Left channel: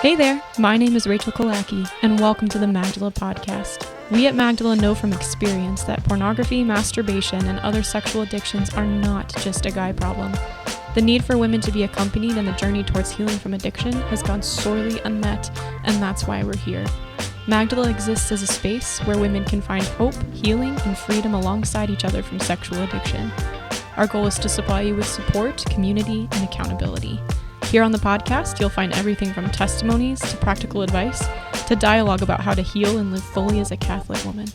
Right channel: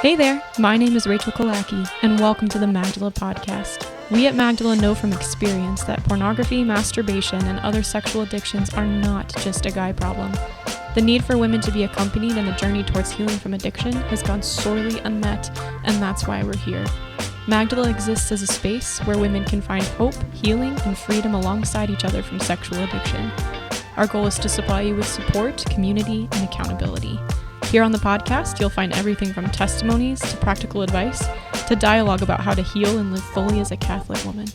Hey there, my name is Rachael and welcome to the Magdala Podcast. We at Magdala know from experience that pornography, masturbation, and other sexual addictions are not just a guy problem. The need for women to be accompanied in the journey towards healing from addiction has gone sorely unmet, and that's why we're here. Magdala exists as a space where women can find hope, healing, and freedom alongside each other from sexual addiction. Our goal is to supply you with support, community, and accountability. Here on the podcast, you'll find everything from testimonies to practical advice to dialogue about how to heal and live fully as a Catholic woman.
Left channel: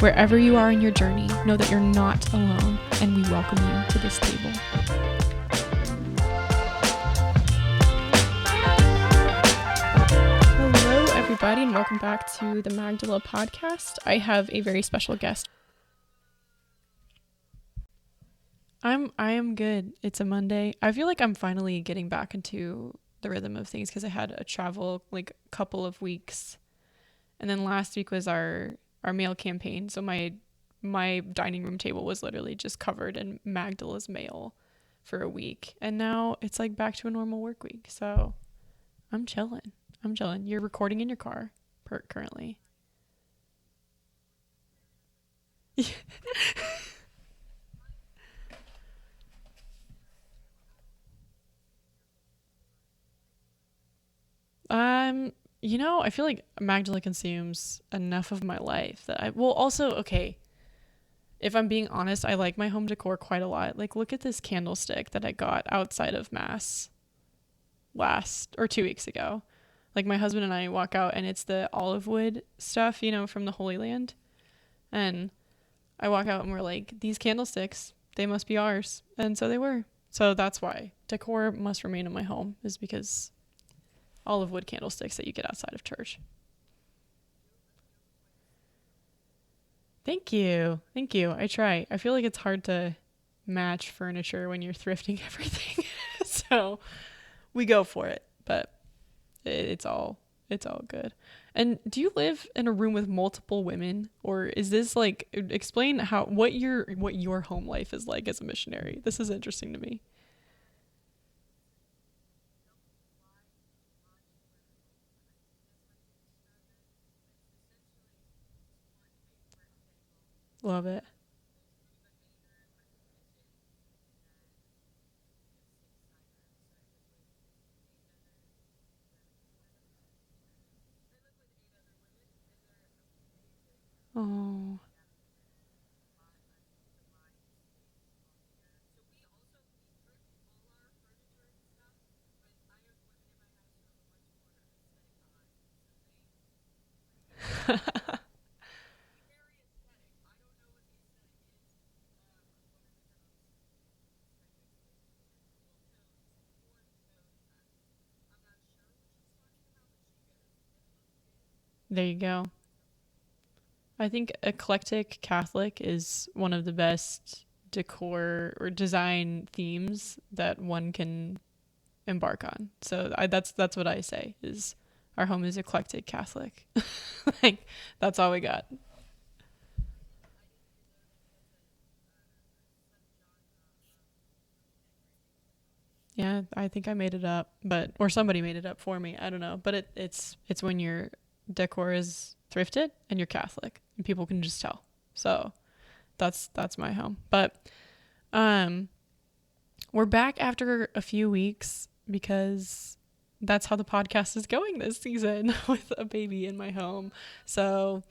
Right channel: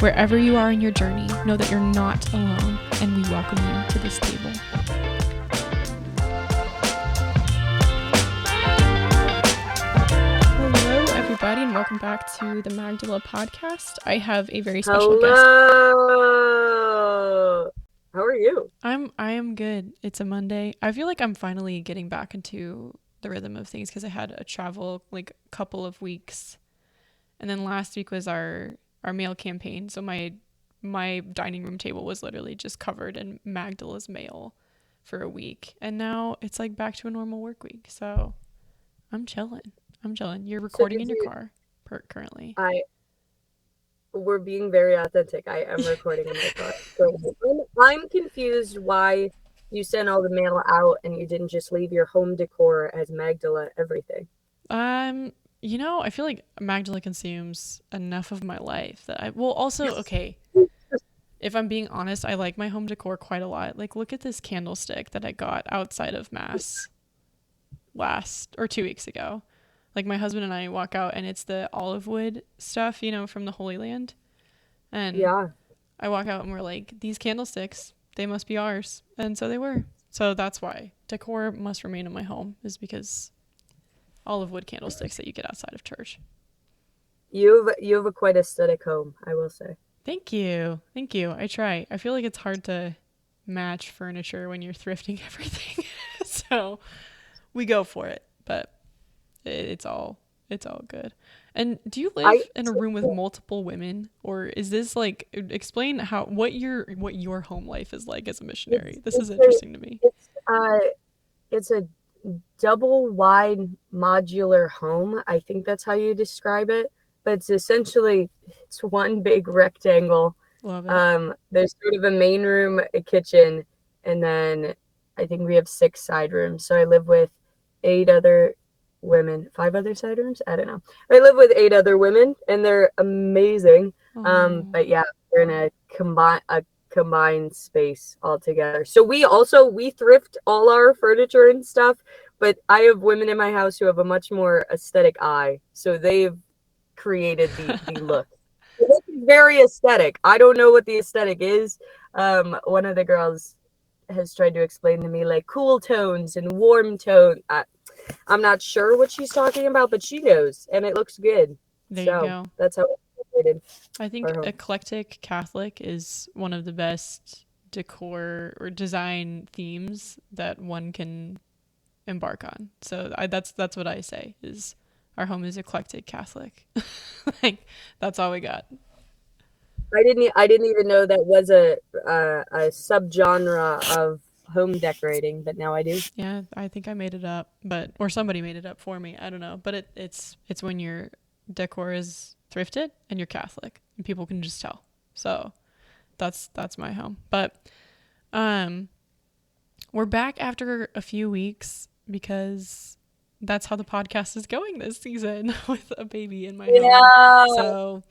Wherever you are in your journey, know that you're not alone, and we welcome you to this table. Hello, everybody, and welcome back to the Magdala Podcast. I have a very special guest. How are you? I am good. It's a Monday. I feel like I'm finally getting back into the rhythm of things because I had a travel couple of weeks, and then last week was our mail campaign. So my dining room table was literally just covered in Magdala's mail for a week, and now it's back to a normal work week. So I'm chilling. You're recording in your car currently. We're being very authentic. I am recording in my car. So I'm confused why you sent all the mail out and you didn't just leave your home decor as Magdala everything. I feel like Magdala consumes enough of my life that okay. If I'm being honest, I like my home decor quite a lot. Look at this candlestick that I got outside of Mass 2 weeks ago. My husband and I walk out and it's the olive wood stuff, from the Holy Land. And yeah. I walk out and we're like, these candlesticks, they must be ours. And so they were. So that's why decor must remain in my home, is because olive wood candlesticks that you get outside of church. You have a quite aesthetic home, I will say. Thank you. I try. I feel like it's hard to match furniture when you're thrifting everything. So we go for it, but it's all good. And do you live in a room with multiple women, or is this explain what your home life is like as a missionary? This is interesting to me. It's a double wide modular home. I think that's how you describe it, but it's one big rectangle. Love it. There's sort of a main room, a kitchen, and then I think we have 6 side rooms. So I live with 8 other women, 5 other side rooms. I don't know. I live with 8 other women, and they're amazing. But yeah, we're in a combined space altogether. So we thrift all our furniture and stuff. But I have women in my house who have a much more aesthetic eye, so they've created the look. It's very aesthetic. I don't know what the aesthetic is. One of the girls has tried to explain to me cool tones and warm tone. I'm not sure what she's talking about, but she knows, and it looks good. There you go. That's how it's created. I think eclectic Catholic is one of the best decor or design themes that one can embark on. So that's what I say, is our home is eclectic Catholic. That's all we got. I didn't even know that was a subgenre of home decorating, but now I do. Yeah, I think I made it up, or somebody made it up for me. I don't know, but it's when your decor is thrifted and you're Catholic, and people can just tell. So that's my home. But we're back after a few weeks because that's how the podcast is going this season, with a baby in my home. So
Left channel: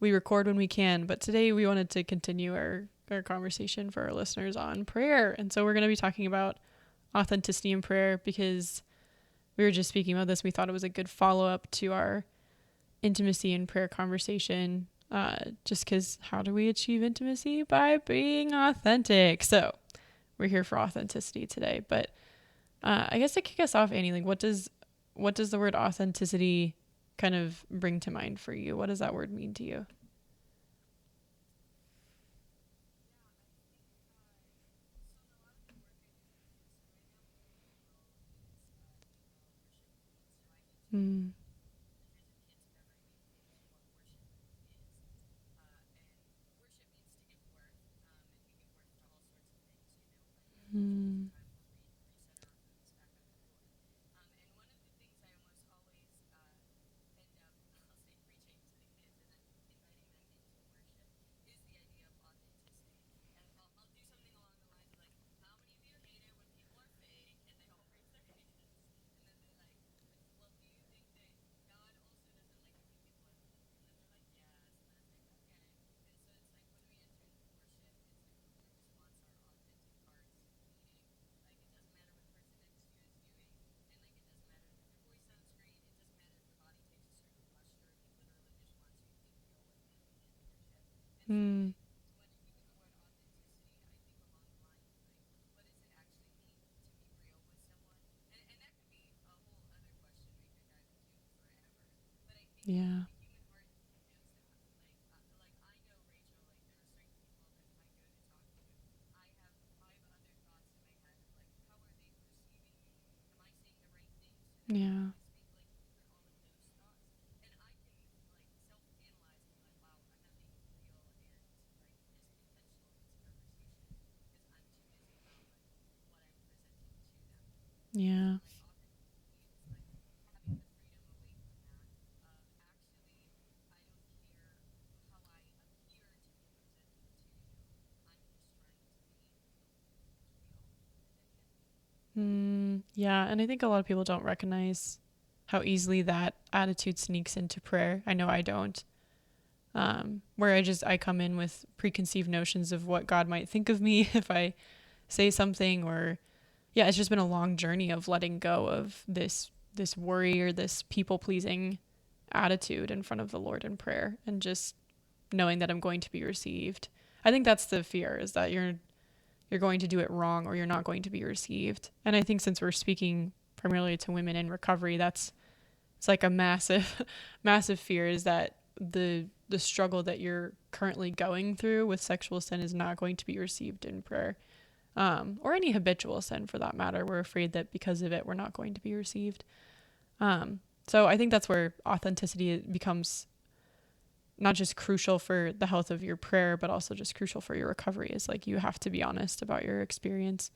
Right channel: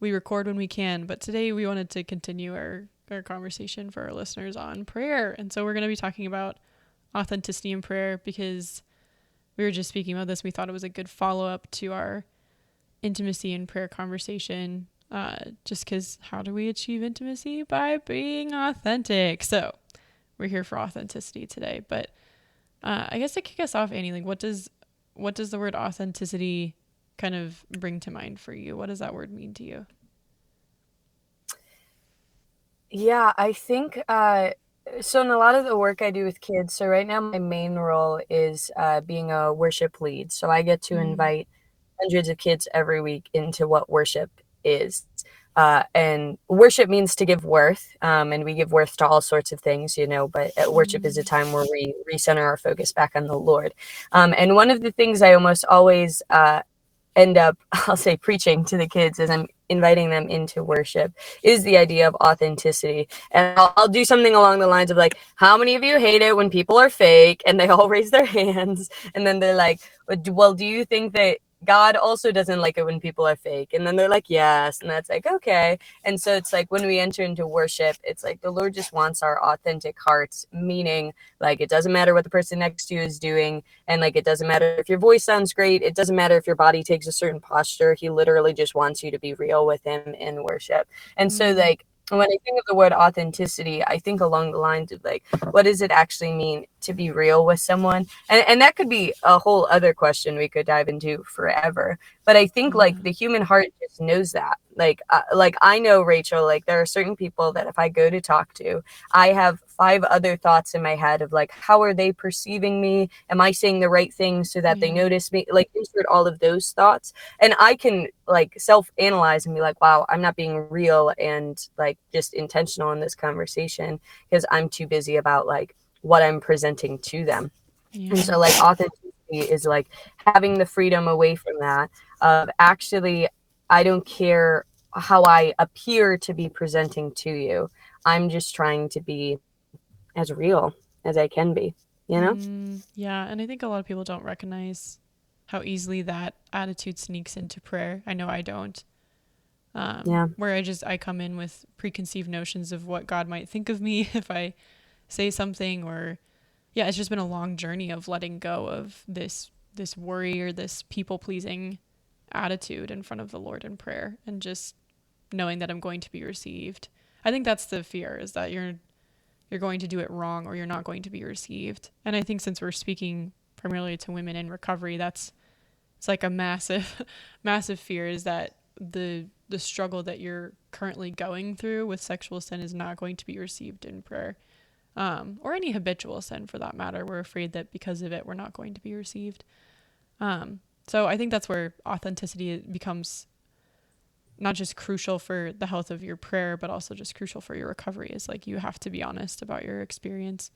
we record when we can, but today we wanted to continue our conversation for our listeners on prayer. And so we're going to be talking about authenticity in prayer, because we were just speaking about this. We thought it was a good follow-up to our intimacy in prayer conversation, just because how do we achieve intimacy? By being authentic. So we're here for authenticity today. But I guess to kick us off, Annie, what does the word authenticity kind of bring to mind for you? What does that word mean to you? Yeah, I think so in a lot of the work I do with kids, so right now my main role is being a worship lead. So I get to invite hundreds of kids every week into what worship is. And worship means to give worth, and we give worth to all sorts of things, but worship is a Mm. time where we recenter our focus back on the Lord. And one of the things I almost always end up, I'll say, preaching to the kids as I'm inviting them into worship is the idea of authenticity. And I'll do something along the lines of like, how many of you hate it when people are fake? And they all raise their hands. And then they're like, well, do you think that God also doesn't like it when people are fake? And then they're like, yes. And that's like, okay. And so it's like when we enter into worship, it's like the Lord just wants our authentic hearts, meaning like it doesn't matter what the person next to you is doing. And like, it doesn't matter if your voice sounds great. It doesn't matter if your body takes a certain posture. He literally just wants you to be real with him in worship. And so Mm. like, when I think of the word authenticity, I think along the lines of like, what does it actually mean to be real with someone? And that could be a whole other question we could dive into forever. But I think Yeah. like the human heart just knows that. Like I know, Rachel, like there are certain people that if I go to talk to, I have 5 other thoughts in my head of like, how are they perceiving me? Am I saying the right things so that they Yeah. notice me? Like insert all of those thoughts. And I can like self-analyze and be like, wow, I'm not being real and like just intentional in this conversation because I'm too busy about like what I'm presenting to them. And Yeah. so like authenticity is like having the freedom away from that of actually, I don't care how I appear to be presenting to you. I'm just trying to be as real as I can be, you know? Yeah, and I think a lot of people don't recognize how easily that attitude sneaks into prayer. I know I don't. Yeah. Where I come in with preconceived notions of what God might think of me if I say something, or yeah, it's just been a long journey of letting go of this worry or this people pleasing attitude in front of the Lord in prayer, and just knowing that I'm going to be received. I think that's the fear, is that you're going to do it wrong or you're not going to be received. And I think since we're speaking primarily to women in recovery, it's like a massive massive fear, is that the struggle that you're currently going through with sexual sin is not going to be received in prayer, or any habitual sin for that matter. We're afraid that because of it we're not going to be received. So I think that's where authenticity becomes not just crucial for the health of your prayer, but also just crucial for your recovery. Is like, you have to be honest about your experience,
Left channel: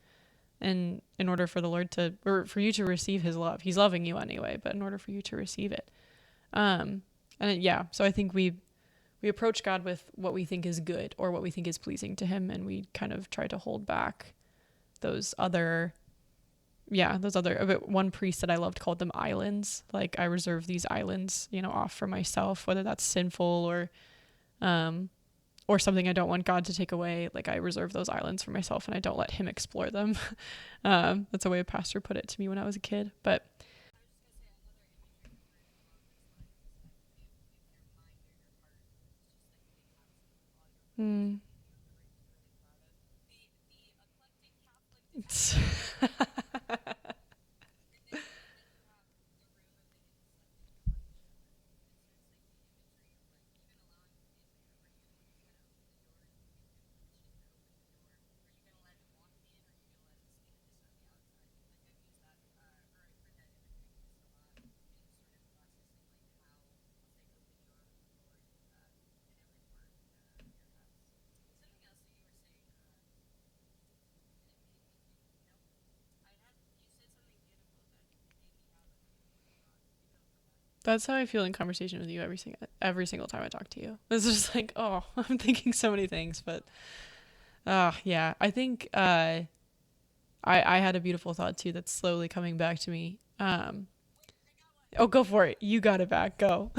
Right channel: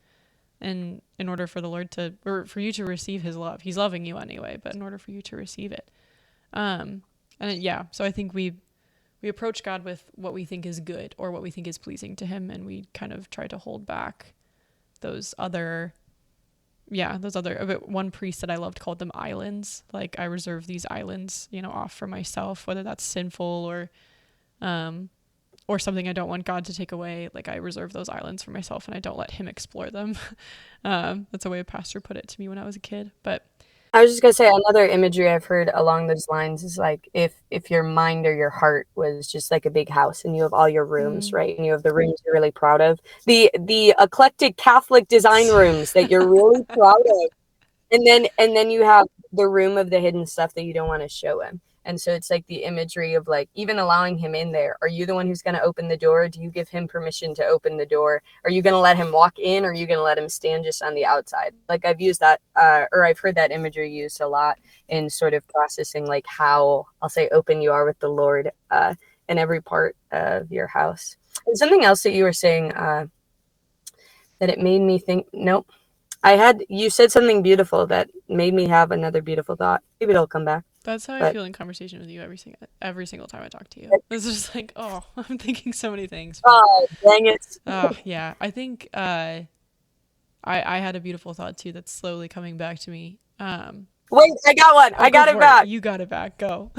and in order for the Lord to, or for you to receive his love. He's loving you anyway, but in order for you to receive it. So I think we approach God with what we think is good or what we think is pleasing to him, and we kind of try to hold back those other one priest that I loved called them islands. Like, I reserve these islands, off for myself, whether that's sinful or something I don't want God to take away. Like, I reserve those islands for myself and I don't let him explore them. That's the way a pastor put it to me when I was a kid. But I was just gonna say, another imagery I've heard along those lines is like if your mind or your heart was just like a big house and you have all your rooms, right? And you have the rooms you're really proud of. The eclectic Catholic design rooms that you're really proud of. And then you have the room of the hidden stuff that you don't want to show him. And so it's like the imagery of like even allowing him in there. Are you the one who's going to open the door? Do you give him permission to open the door? Are you going to let him walk in, or are you going to let him stand just on the outside? Like, I've used that or I've heard that imagery used a lot in sort of processing like how, I'll say, open you are with the Lord in every part of your house. And something else that you were saying that it made me think, nope. You said something beautiful that made me have another beautiful thought. Maybe it'll come back. that's how I feel in conversation with you every single time I talk to you. It's just like, oh, I'm thinking so many things. But, oh, dang it. yeah, I think I had a beautiful thought too that's slowly coming back to me. Wait, I got one. I got it back. You got it back. Go.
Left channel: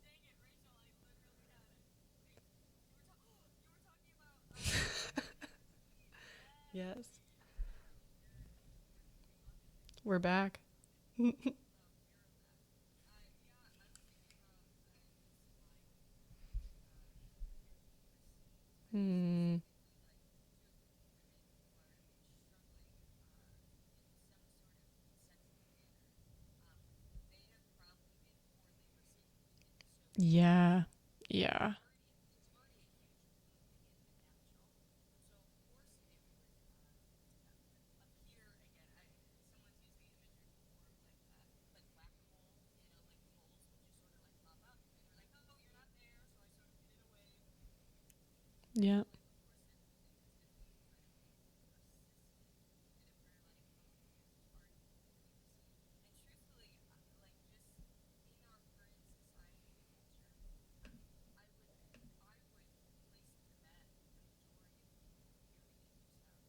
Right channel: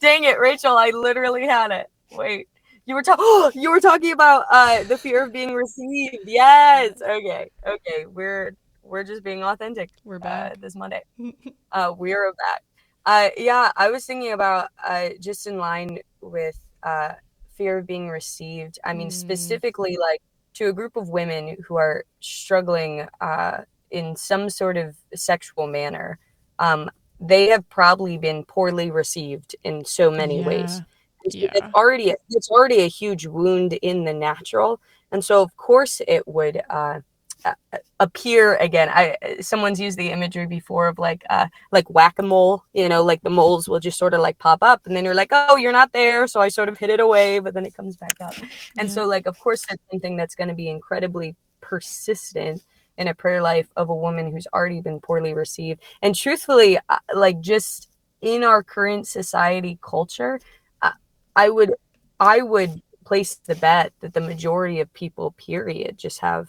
Dang it, Rachel, I literally had it. Wait. You were talking about the fear of being received. Yes. Okay. We're just being authentic. We're back this Monday. We are back. Yeah, I was thinking about just in line with fear of being received. I mean, specifically like to a group of women who are struggling in some sort of sexual manner. They have probably been poorly received in so many ways. Yeah. It's already a huge wound in the natural. And so of course it would appear again. Someone's used the imagery before of like whack-a-mole, like the moles will just sort of like pop up and then you're like, oh, you're not there, so I sort of hid it away, but then it comes back up. And so like, of course, that's something that's going to be incredibly persistent in a prayer life of a woman who's already been poorly received. And truthfully, like, just in our current society culture, I would place the bet that the majority of people, period, just have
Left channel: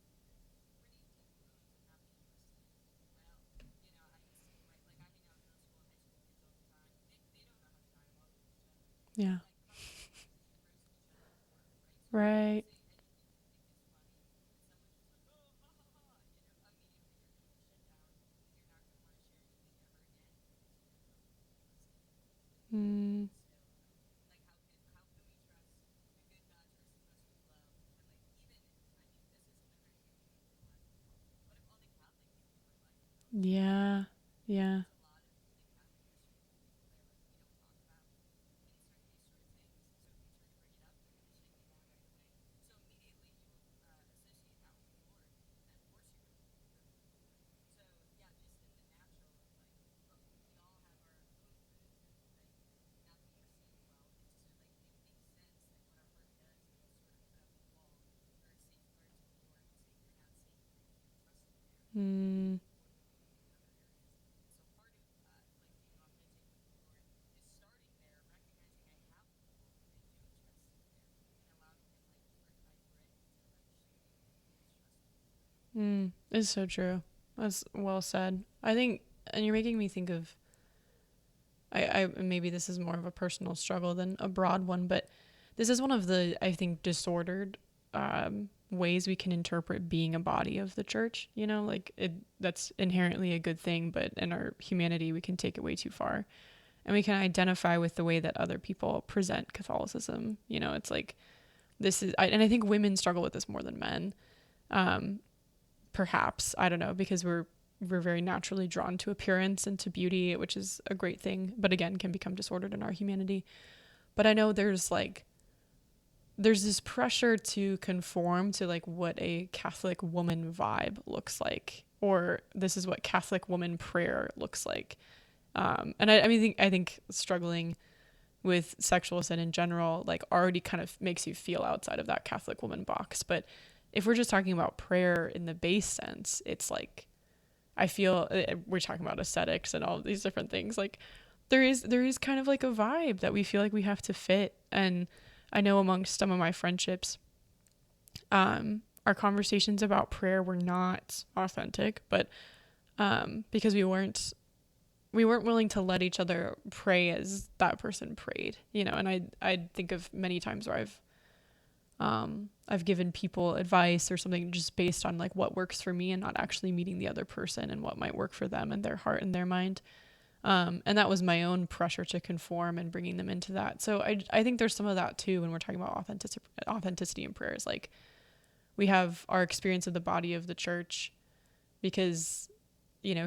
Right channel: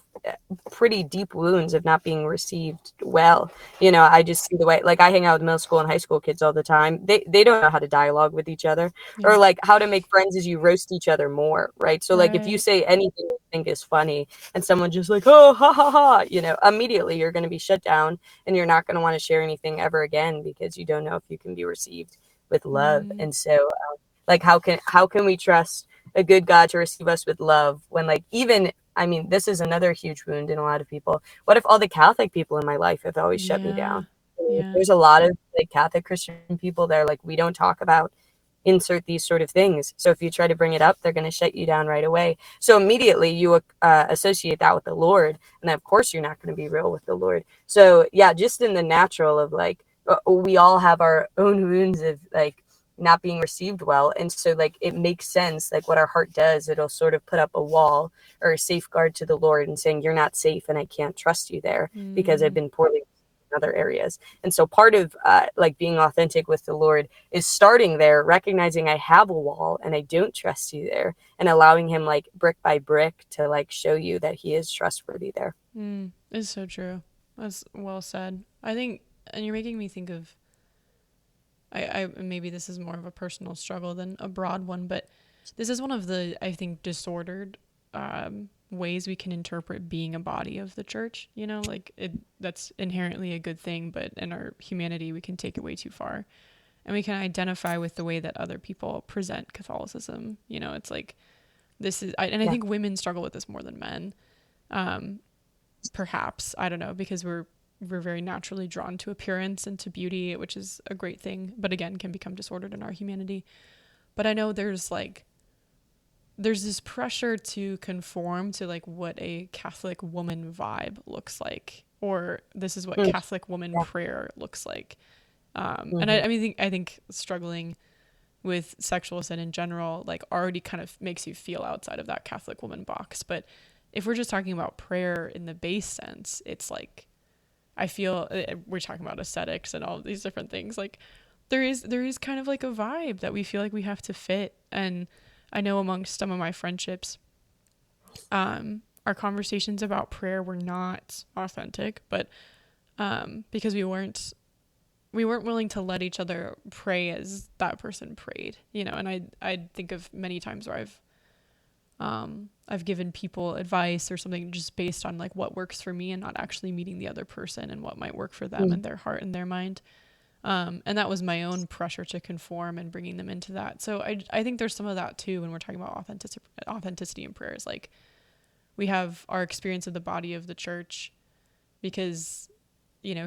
pretty deep wounds of not being received well. I just see the way, like, I hang out with middle school and high school kids all the time. They don't know how to dialogue with each other, or like how to make friends is you roast each other more, right? So like, if you say anything you think is funny and someone just like, oh, ha ha ha, immediately you're going to be shut down and you're not going to want to share anything ever again because you don't know if you can be received with love. And so like, how can we trust a good God to receive us with love when, like, even, I mean, this is another huge wound in a lot of people. What if all the Catholic people in my life have always shut me down? There's a lot of like Catholic Christian people that are like, we don't talk about insert these sort of things. So if you try to bring it up, they're going to shut you down right away. So immediately you associate that with the Lord. And then of course you're not going to be real with the Lord. So yeah, just in the natural of like, we all have our own wounds of like not being received well. And so like, it makes sense, like what our heart does, it'll sort of put up a wall or a safeguard to the Lord and saying, you're not safe and I can't trust you there because I've been poorly in other areas. And so part of like being authentic with the Lord is starting there, recognizing I have a wall and I don't trust you there, and allowing him like brick by brick to like show you that he is trustworthy there. It's so true. That's well said. I think, and you're making me think of, I maybe this is more of a personal struggle than a broad one, but this is one of the, I think, disordered ways we can interpret being a body of the church. Like that's inherently a good thing, but in our humanity, we can take it way too far. And we can identify with the way that other people present Catholicism. It's like, this is, and I think women struggle with this more than men. Perhaps, I don't know, because we're very naturally drawn to appearance and to beauty, which is a great thing, but again, can become disordered in our humanity. But I know there's this pressure to conform to like what a Catholic woman vibe looks like, or this is what Catholic woman prayer looks like. And I think struggling with sexual sin in general, like already kind of makes you feel outside of that Catholic woman box. But if we're just talking about prayer in the base sense, it's like, I feel we're talking about aesthetics and all of these different things. Like there is kind of like a vibe that we feel like we have to fit. And I know amongst some of my friendships, our conversations about prayer were not authentic, but because we weren't willing to let each other pray as that person prayed, and I think of many times where I've given people advice or something just based on like what works for me and not actually meeting the other person and what might work for them and their heart and their mind. And that was my own pressure to conform and bringing them into that. So I think there's some of that too when we're talking about authenticity in prayers. Like we have our experience of the body of the church because,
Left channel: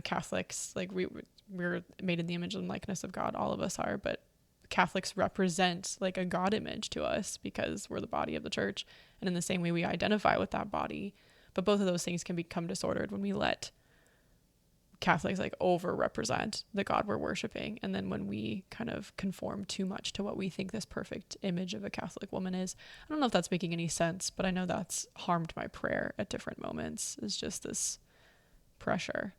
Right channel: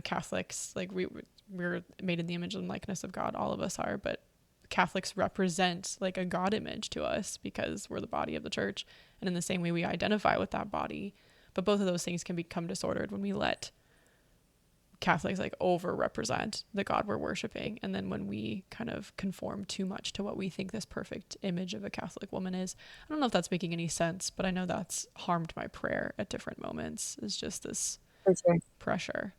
Catholics, like we're made in the image and likeness of God. All of us are, but Catholics represent like a God image to us because we're the body of the church. And in the same way we identify with that body, but both of those things can become disordered when we let Catholics like over represent the God we're worshiping. And then when we kind of conform too much to what we think this perfect image of a Catholic woman is. I don't know if that's making any sense, but I know that's harmed my prayer at different moments. It's just this pressure.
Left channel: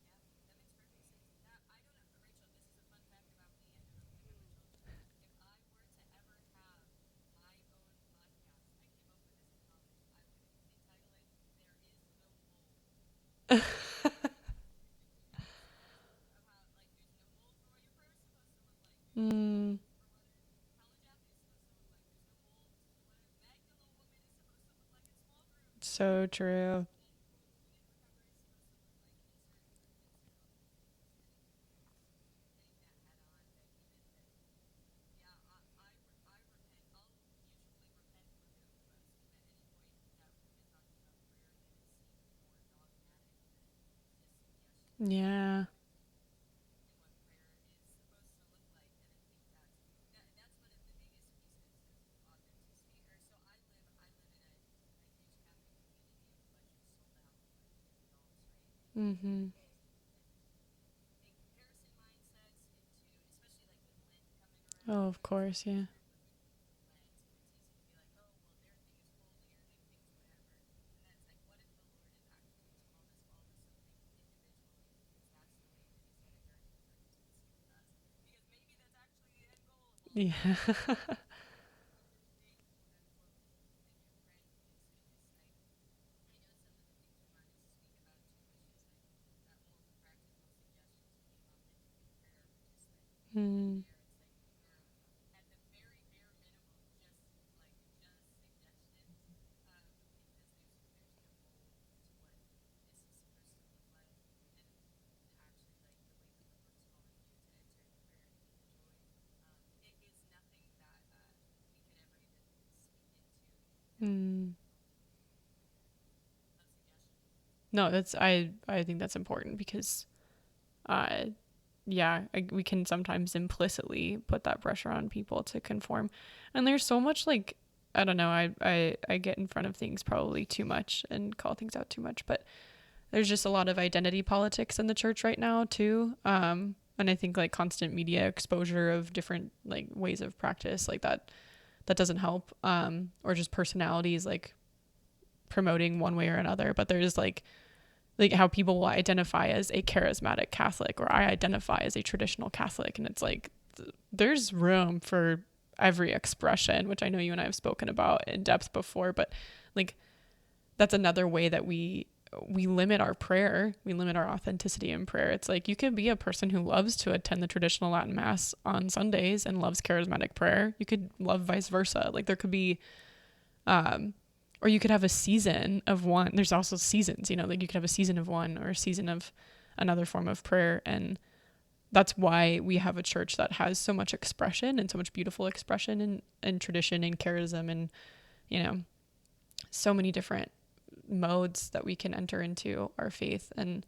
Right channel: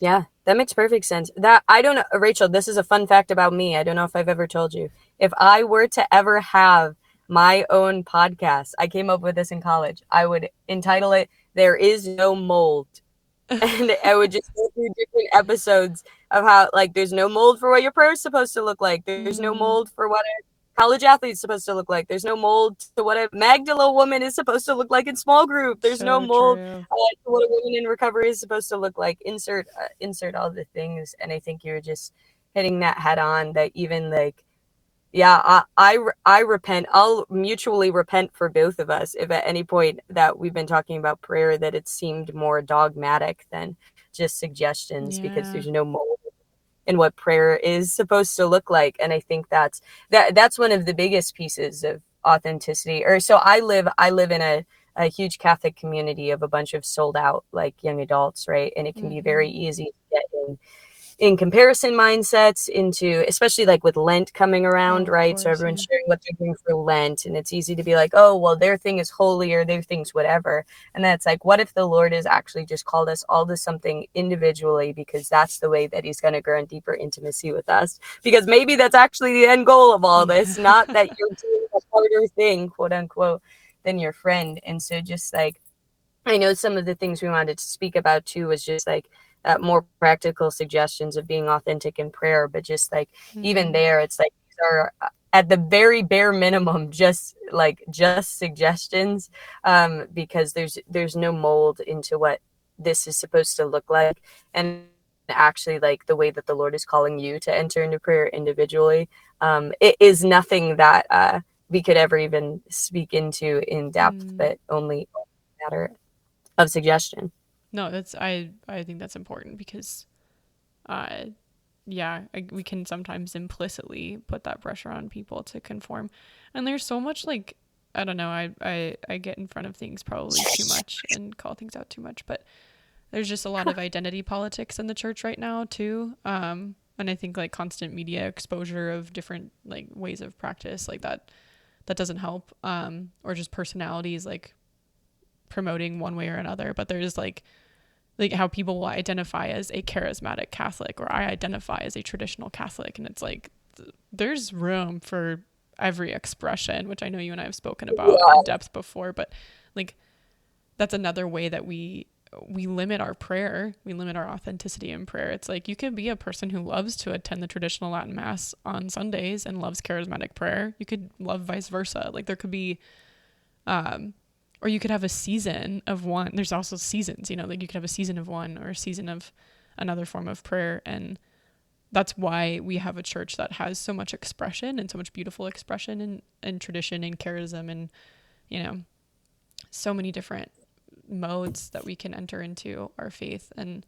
Yeah, that makes perfect sense. That I don't know, Rachel, this is a fun fact about me. I don't know if I've ever told you. If I were to ever have my own podcast, I came up with this in college, I would entitle it There Is No Mold. And I would just go through different episodes of how like there's no mold for what your prayer is supposed to look like. There's no mold for what a college athlete is supposed to look like. There's no mold to what a Magdala woman is supposed to look like in small group. There's no mold to what a woman in recovery is supposed to look like. Insert all the things. And I think you're just hitting that head on, that even like, yeah, I repent. I'll mutually repent for both of us if at any point that we've been talking about prayer that it seemed more dogmatic than just suggestions, because there's no mold in what prayer is supposed to look like. And I think that's one of the biggest pieces of authenticity. Or so I live in a huge Catholic community of a bunch of sold out like young adults, right? And it can be very easy to get in comparison mindsets into, especially like with Lent coming around, Oh, of right? So course, everyone's yeah. sharing what they're doing for Lent, and it's easy to be like, oh, well, their thing is holy or their thing's whatever. And then it's like, what if the Lord has actually just called us all to something individually, because that's the way that he's going to grow in deeper intimacy with us? Because maybe that's actually the end goal of all this, not that you're doing a harder thing, quote unquote, than your friend. And so just like, I know some of the things we wanted to speak about too was just like more practical suggestions of being authentic in prayer, but just like even there, it's like these are at the very bare minimum just suggestions, because there's no mold into what this is supposed to look like, and actually like the way that the Lord is calling you to enter into prayer individually, it is nothing that we could ever even speak into in depth, but only a matter of suggestion. No, that's I think that's important because we can sometimes implicitly put that pressure on people to conform. And there's so much like, I don't know, I get in front of things probably too much and call things out too much, but there's just a lot of identity politics in the church right now too. And I think like constant media exposure of different like ways of practice like that doesn't help. Or just personalities like promoting one way or another, but there's like how people will identify as a charismatic Catholic, or I identify as a traditional Catholic, and it's like there's room for every expression, which I know you and I have spoken about in depth before, but like that's another way that we limit our prayer, we limit our authenticity in prayer. It's like you could be a person who loves to attend the traditional Latin Mass on Sundays and loves charismatic prayer. You could love vice versa. Like there could be or you could have a season of one. There's also seasons, like you could have a season of one or a season of another form of prayer. And that's why we have a church that has so much expression and so much beautiful expression and tradition and charism and, so many different modes that we can enter into our faith. And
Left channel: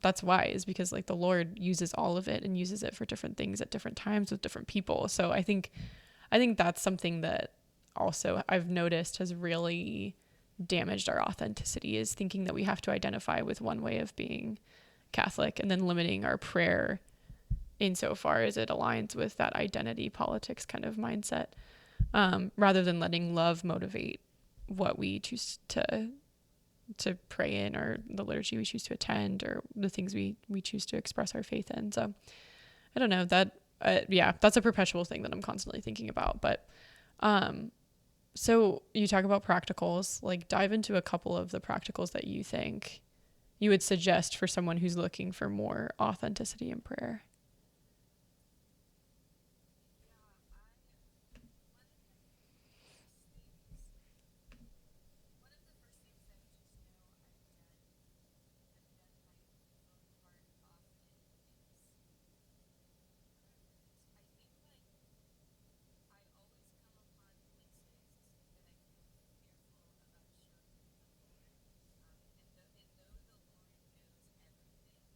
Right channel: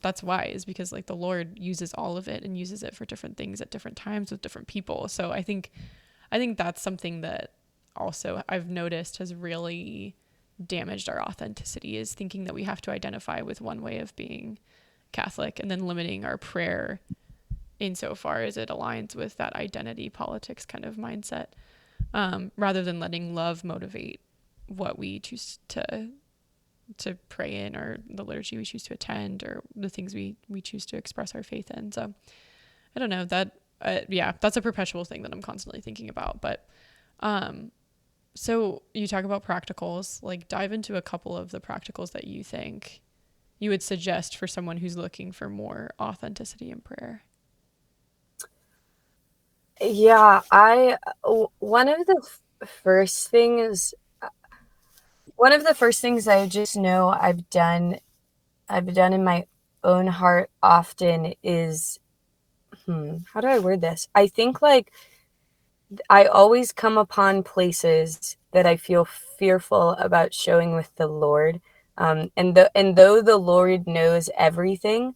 that's why, is because like the Lord uses all of it and uses it for different things at different times with different people. So I think that's something that also I've noticed has really damaged our authenticity, is thinking that we have to identify with one way of being Catholic and then limiting our prayer insofar as it aligns with that identity politics kind of mindset, rather than letting love motivate what we choose to pray in, or the liturgy we choose to attend, or the things we choose to express our faith in. So I don't know that, that's a perpetual thing that I'm constantly thinking about. But so you talk about practicals, like dive into a couple of the practicals that you think you would suggest for someone who's looking for more authenticity in prayer. Yeah, one of the first things I just know I've done in my own heart often is, how do I word this? I think like I always come upon places that I feel fearful about showing with the Lord. And though the Lord knows everything,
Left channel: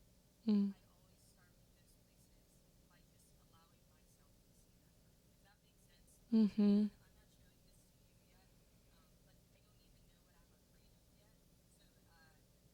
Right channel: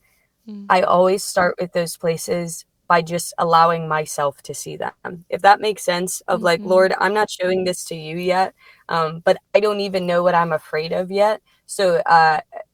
I always start with those places by just allowing myself to see them. If that makes sense, of like, Lord, I'm not showing this to you yet, but I don't even know what I'm afraid of yet. So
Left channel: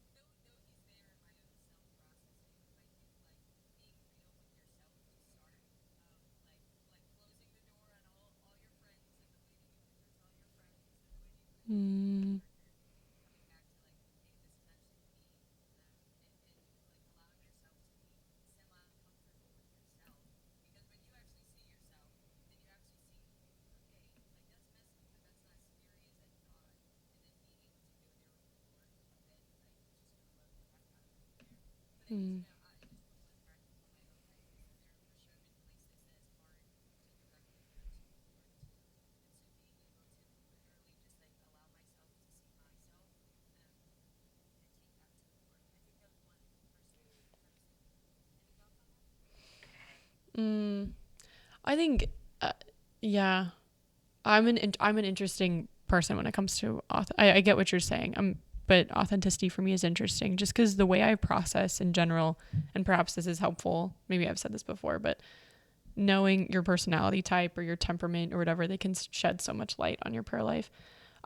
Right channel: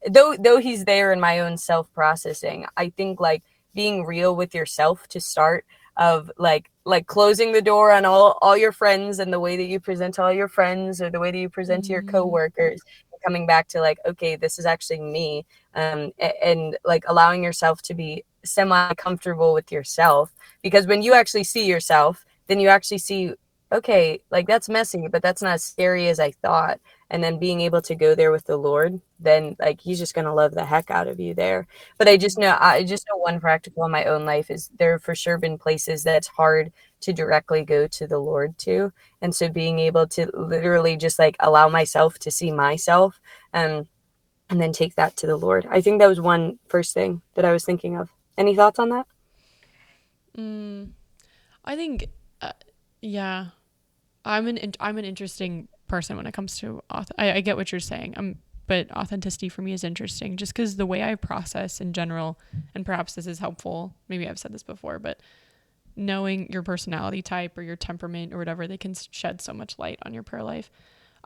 though he's there in my own self-processing, I think like being real with yourself to start, of like closing the door on all your friends and the way that you present to all your friends, or the way that you present to your coworkers, and coming back to like, okay, this is actually me, and like allowing yourself to be semi-comfortable with yourself, because when you actually see yourself, then you actually see, okay, like that's messy, but that's not as scary as I thought. And then being able to go there with the Lord, then like he's just gonna love the heck out of you there. But I just know one practical in my own life is there have for sure been places that's hard to directly go to the Lord to. And so being able to literally just like allow myself to see myself, and then take that to the Lord. I think that was one first thing that I was thinking of. Any thoughts on that? I think, I'm an interesting person when it comes to I get what you're saying. But authenticity for me is interesting just because the way I process in general, and perhaps this is helpful. Maybe I've said this before, but knowing your personality type or your temperament or whatever, they can shed so much light on your prayer life.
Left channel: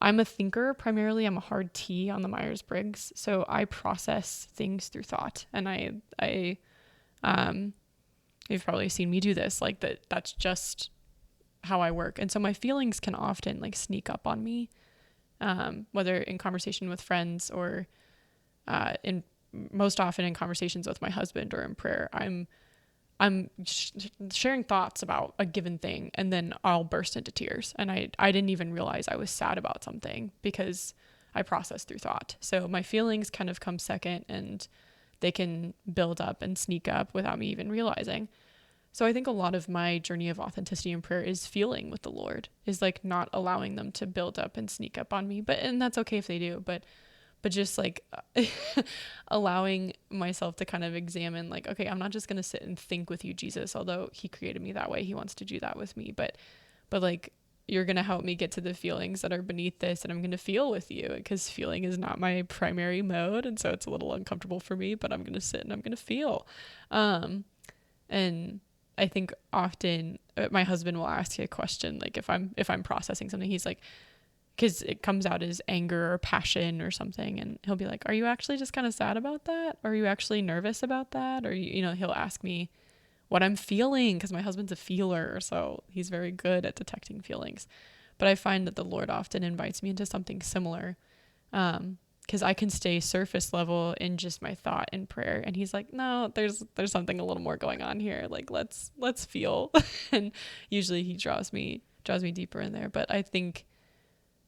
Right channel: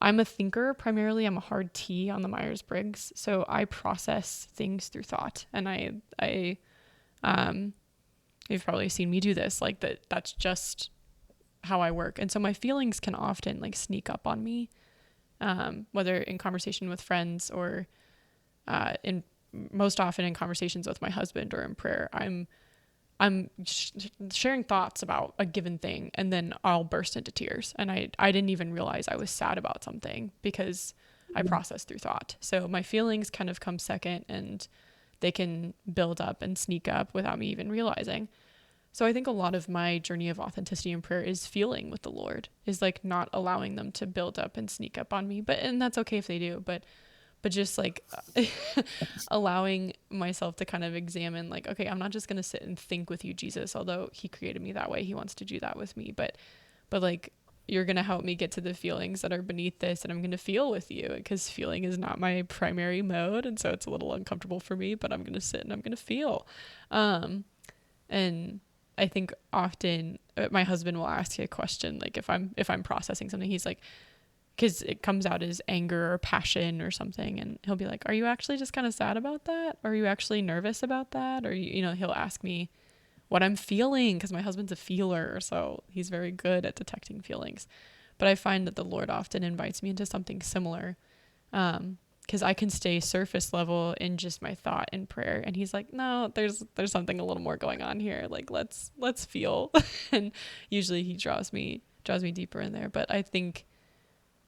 I'm a thinker primarily. I'm a hard T on the Myers-Briggs. So I process things through thought. And you've probably seen me do this, like that's just how I work. And so my feelings can often like sneak up on me, whether in conversation with friends or most often in conversations with my husband or in prayer. I'm sharing thoughts about a given thing, and then I'll burst into tears. And I didn't even realize I was sad about something because I process through thought. So my feelings kind of come second, and they can build up and sneak up without me even realizing. So I think a lot of my journey of authenticity in prayer is feeling with the Lord, is like not allowing them to build up and sneak up on me. And that's okay if they do, but just like allowing myself to kind of examine, like, okay, I'm not just going to sit and think with you, Jesus, although he created me that way. He wants to do that with me. But like, you're going to help me get to the feelings that are beneath this, and I'm going to feel with you, because feeling is not my primary mode. And so it's a little uncomfortable for me, but I'm going to sit and I'm going to feel. And I think often my husband will ask you a question, like if I'm processing something, he's like, because it comes out as anger or passion or something, and he'll be like, are you actually just kind of sad about that? Or are you actually nervous about that? Or, he'll ask me what I'm feeling, because my husband's a feeler, so he's very good at detecting feelings. But I find that the Lord often invites me into something similar, because I can stay surface level in just my thought and prayer, and he's like, no, there's something a little more going on here, like let's feel. And usually he draws me deeper in there. But I think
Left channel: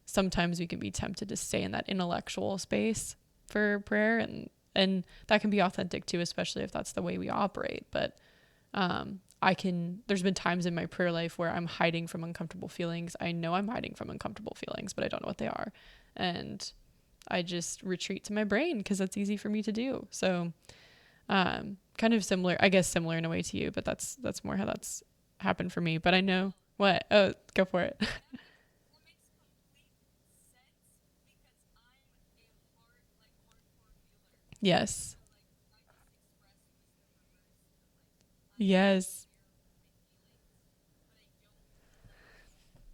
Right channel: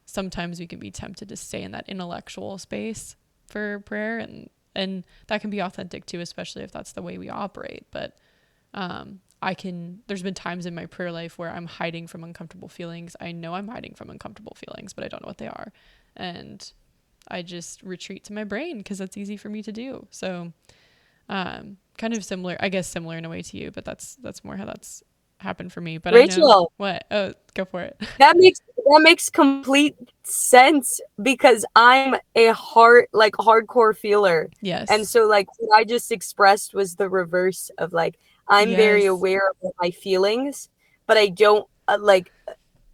sometimes we can be tempted to stay in that intellectual space for prayer, and that can be authentic too, especially if that's the way we operate. But there's been times in my prayer life where I'm hiding from uncomfortable feelings. I know I'm hiding from uncomfortable feelings, but I don't know what they are. And I just retreat to my brain, because that's easy for me to do. So kind of similar in a way to you, but that's more how that's happened for me. But Rachael, I know what. Oh, go for it. That makes complete sense, because I'm a hardcore feeler. Yes. And so like what I just expressed was the reverse of like, I'm very aware of my feelings, but I don't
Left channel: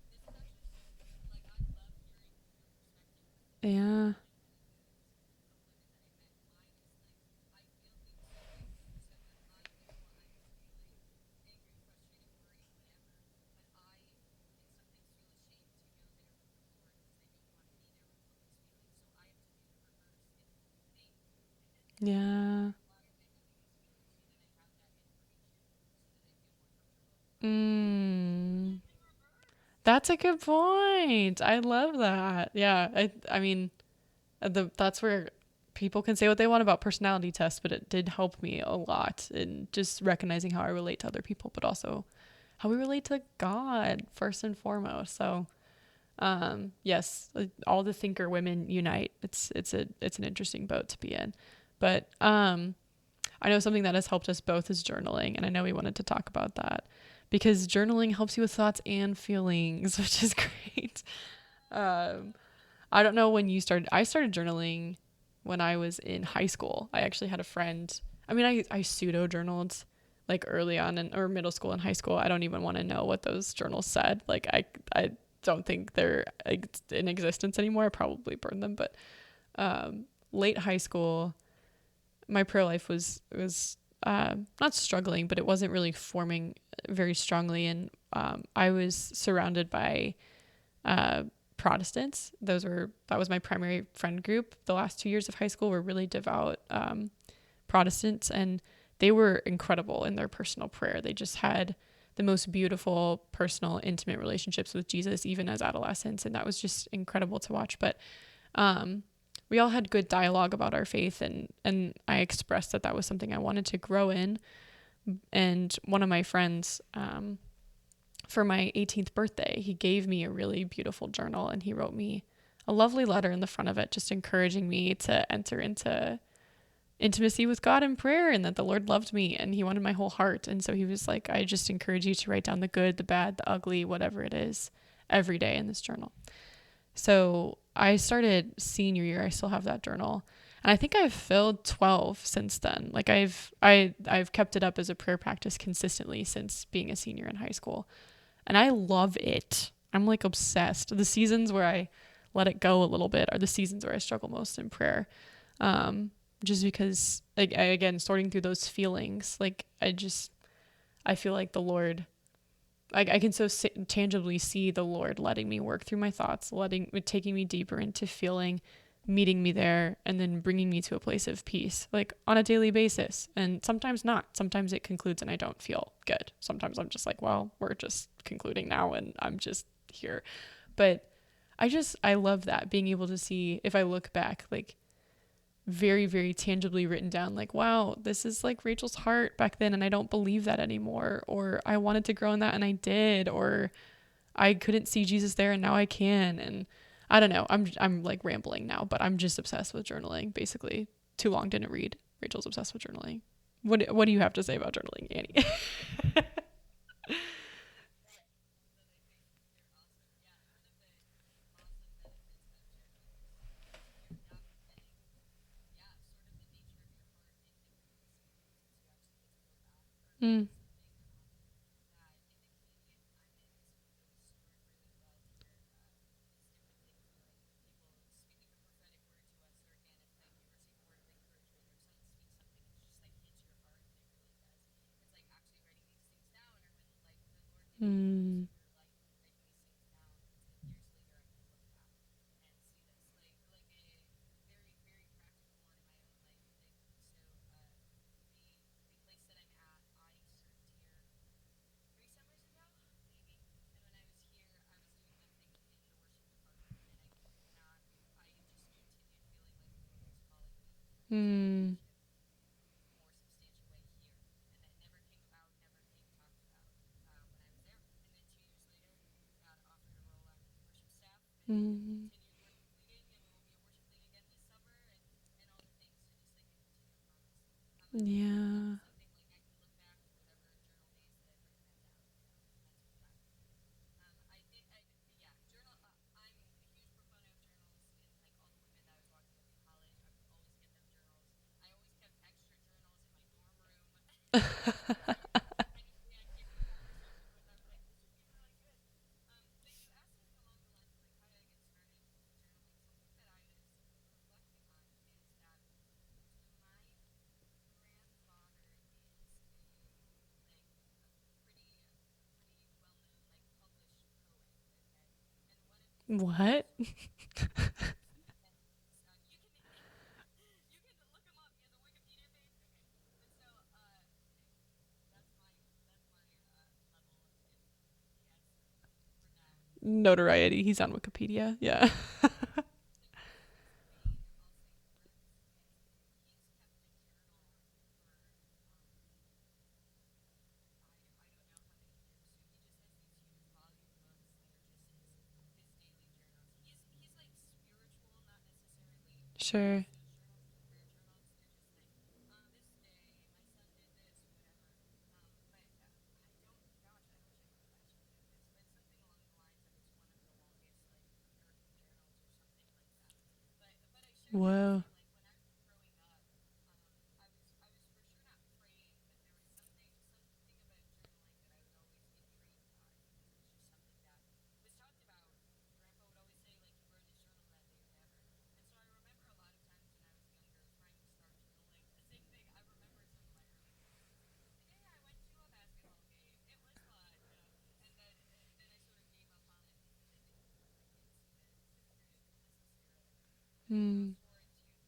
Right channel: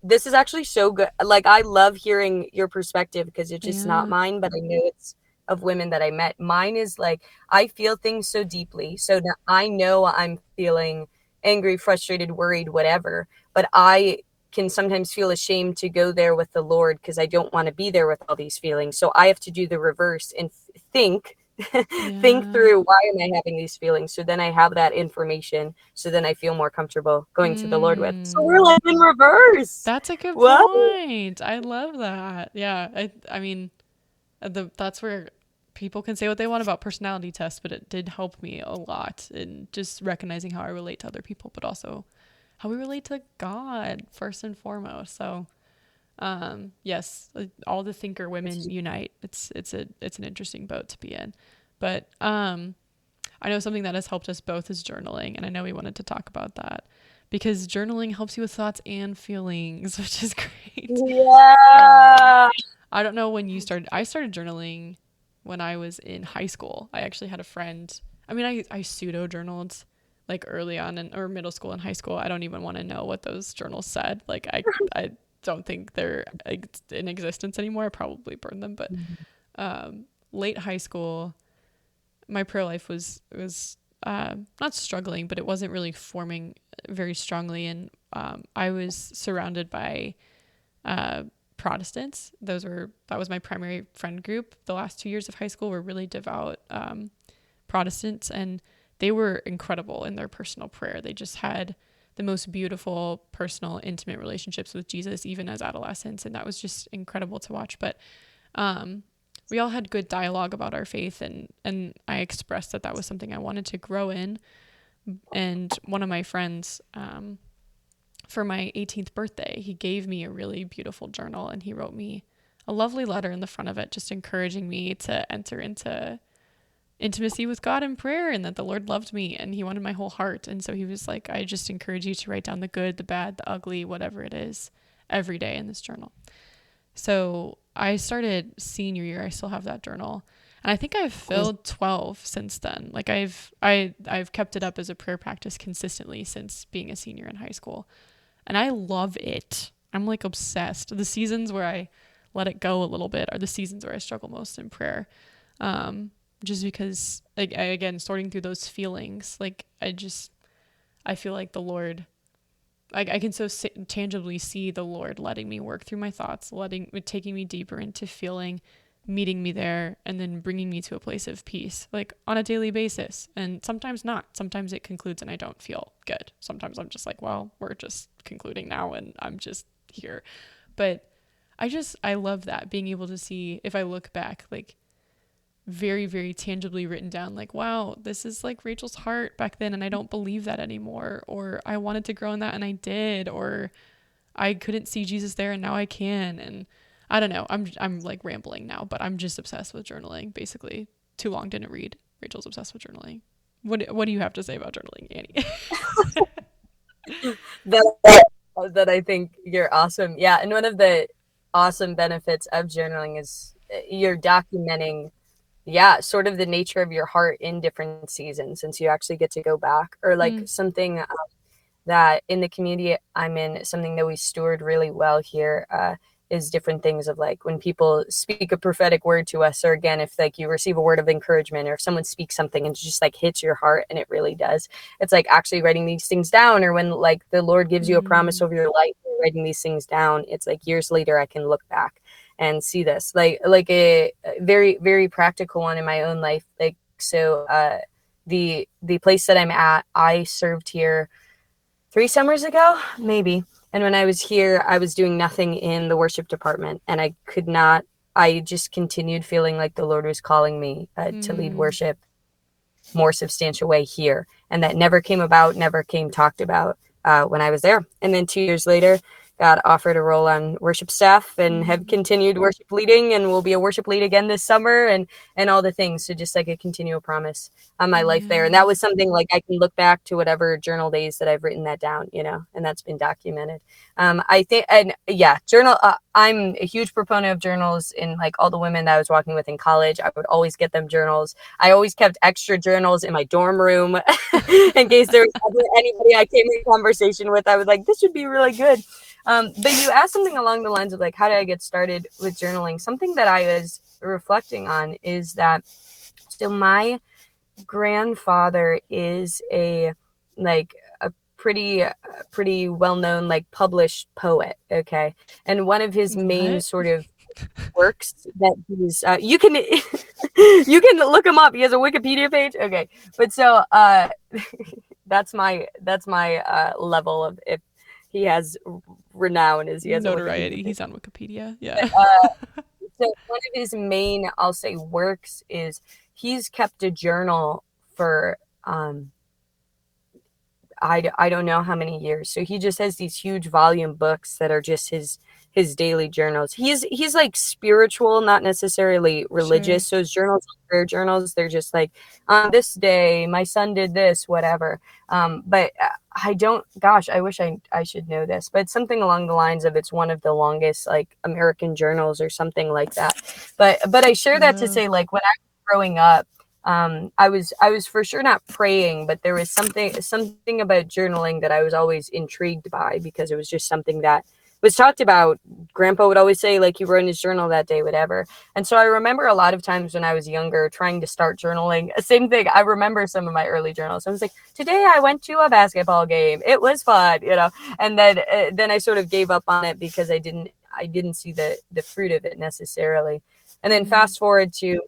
this is actually so good. Like, I love hearing your perspective, because it's just not mine, but I know it's of women that I met. Mine is like, I feel things so deeply, so that I know I'm feeling angry, frustrated, worried, whatever, but I can sometimes feel ashamed to go there with the Lord, because I don't want to be there with all these feelings. So I have to do the reverse and think through, why am I having these feelings? So then I have that information, so then I feel more comfortable going to the Lord with. So we're like in reverse. That's a good point. I love that. Yeah. I mean, that's where people can say what they want about personality tests, but it did help me a lot in just recognizing how I relate to other people, but also how we relate to God first and foremost. So, yes, all the thinker women unite. It's an interesting boat to be in. But I know something that has helped us both is journaling, and I know we wanted to talk about that, because journaling helps you with thoughts and feelings, which is great. Yeah. I don't know when you started. I started journaling when I was in high school. I actually had a friend. I mean, I pseudo journaled like early on or middle school and high school. I don't even want to know what those journals said. Like I don't think they're in existence anymore. I probably burned them. But late high school, my prayer life was not struggling, but it wasn't really forming very strongly. And I was surrounded by Protestants. That was my primary friend group. The last 2 years of high school were really devout Protestants, and they were incredible in their personal prayer. They just had the most beautiful, personal, intimate relationships with Jesus, even as adolescents. And that was just incredible to watch. But we all had good dialogue about our faith, and I expressed that was something I wanted to grow in. And one of my friends, for my 18th birthday, he gave me a really beautiful journal, and he wrote me a lovely letter in the front of it, just encouraging me to enter into intimacy with God in prayer, and that the Lord loved me and he wanted my whole heart. And so he was like, I just encourage you to write down the good, the bad, the ugly, whatever it is, every day in this journal. So I started senior year. I still have that journal, and I think I've filled 12 since then. Like I've kept it up as a prayer practice consistently since being a senior in high school, and I love it. I'm like obsessed. The seasons where I let it go a little bit are the seasons where I struggle most in prayer. Just because, like, again, sorting through those feelings, like, I feel like the Lord, I can so tangibly see the Lord letting me work through my thoughts, taking me deeper into feeling, meeting me there, and then bringing me to a place of peace, like on a daily basis. And sometimes not. Sometimes it concludes and I don't feel good. Sometimes I'm just like, well, we're just concluding now and I'm just here. But I love that, being able to see, if I look back, like, very, very tangibly written down, like, wow, this is like Rachel's heart back then, and I don't believe that anymore, or I wanted to grow in that and I did, or I couldn't see Jesus there and now I can. And I don't know, I'm like rambling now, but I'm just obsessed with journaling, basically. Too long didn't read. Rachel's obsessed with journaling. What do you have to say about journaling, Annie? that I think you're awesome. Yeah, and one of the awesome benefits of journaling is you're documenting, sort of the nature of your heart in different seasons, and so you actually get to go back, or like something that in the community I'm in, something that we steward really well here, is different things of, like, when people speak a prophetic word to us, or again, if like you receive a word of encouragement, or if someone speaks something and just like hits your heart, and it really does, it's like actually writing these things down, or when like the Lord gives you a promise over your life, writing these things down, it's like years later I can look back and see this, like a very, very practical one in my own life. Like, so the place that I'm at, I served here 3 summers ago, maybe. And when I was here, I was doing nothing in the worship department, and I just continued feeling like the Lord was calling me to lead worship more substantial way here. And that never came about, never came talked about when I was there. And then 2 years later, got offered a role on worship staff, and have continued worship leading, and will be a worship lead again this summer, and all the things. So just like a continual promise on my life there. And that was something like I can look back to whatever journal days that I've written that down, and that's been documented. I think, and journal, I'm a huge proponent of journals. In like all the women that I was walking with in college, I would always get them journals. I always kept extra journals in my dorm room in case there was ever anybody I came in conversation with. I was like, this would be really good. But you asked something along the lines of like, how did I get started with journaling? Something that I was reflecting on is that, so my grandfather is a pretty well-known, like, published poet. Okay. And one of his main sort of works that he's, you can look him up. He has a Wikipedia page. Okay. But so, that's my level of, if he has renown, is he has notoriety. He's on Wikipedia. Yeah. So one of his main, I'll say, works is he's kept a journal for I don't know how many years. So he just has these huge volume books that are just his daily journals. He's like spiritual, not necessarily religious. Sure. So his journals are prayer journals. They're just like, on this day my son did this, whatever. But I wish I should know this, but it's something along the lines of, it's one of the longest like American journals or something like that. But I share that to say, like, when I was growing up, I was for sure not praying, but there was something about journaling that I was always intrigued by, because it was just something that was talked about. Grandpa would always say, like, he wrote in his journal that day, whatever. And so I remember a lot of times when I was younger trying to start journaling. Same thing. I remember some of my early journals. I was like, today I went to a basketball game. It was fun, and then I sort of gave up on it because I didn't see the fruit of it necessarily. And then fast forward to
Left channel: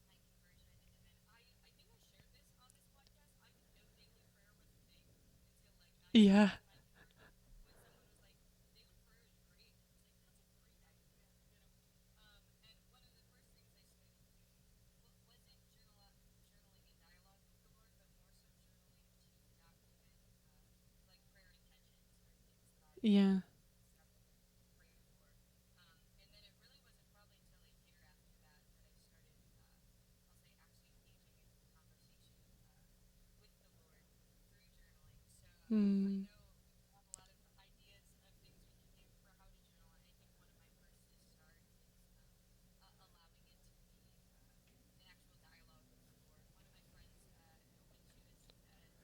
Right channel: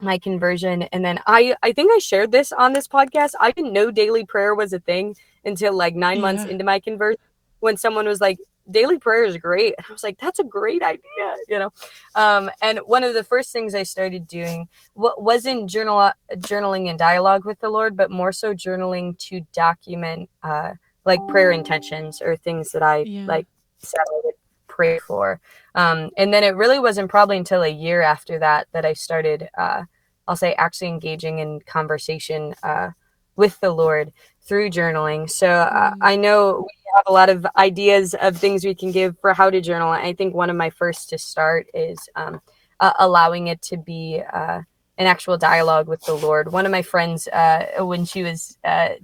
my conversion. And then I think I shared this on this podcast. I didn't know daily prayer was a thing until like 9 months into my conversion, when someone was like, daily prayer is great. And I was like, that's a great idea, and one of the first things I started doing wasn't journaling in dialogue with the Lord, but more so journaling to document like prayer intentions, or things that I like said I would pray for. And then it really wasn't probably until a year after that I started, I'll say, actually engaging in conversation with the Lord through journaling. So I know we have a lot of ideas of things we can give for how to journal. I think one of my first to start is allowing it to be an actual dialogue with the Lord. One of my friends, when she was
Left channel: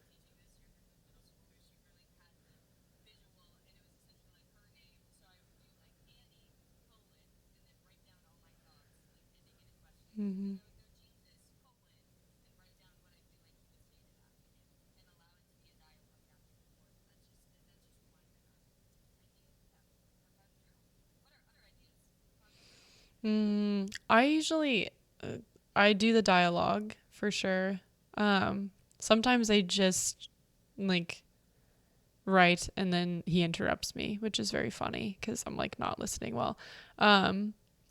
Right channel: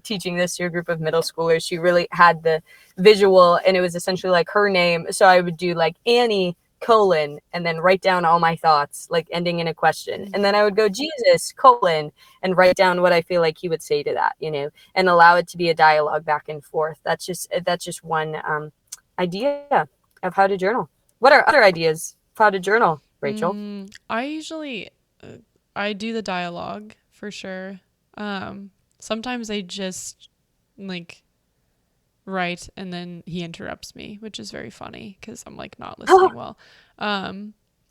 teaching this to a group of middle schoolers, she really had the visual, and it was essentially like her name. So I would do like Annie colon, and then write down all my thoughts, like ending in a question. And then I would go, Jesus, colon, and write down what I feel like he would say to that, and allow it to be a dialogue back and forth. That's just one idea of how to journal. What are other ideas of how to journal, Rachel? I usually, I do the dialogue for sure. Sometimes I just like write and then he interrupts me, which is very funny because I'm like not listening well.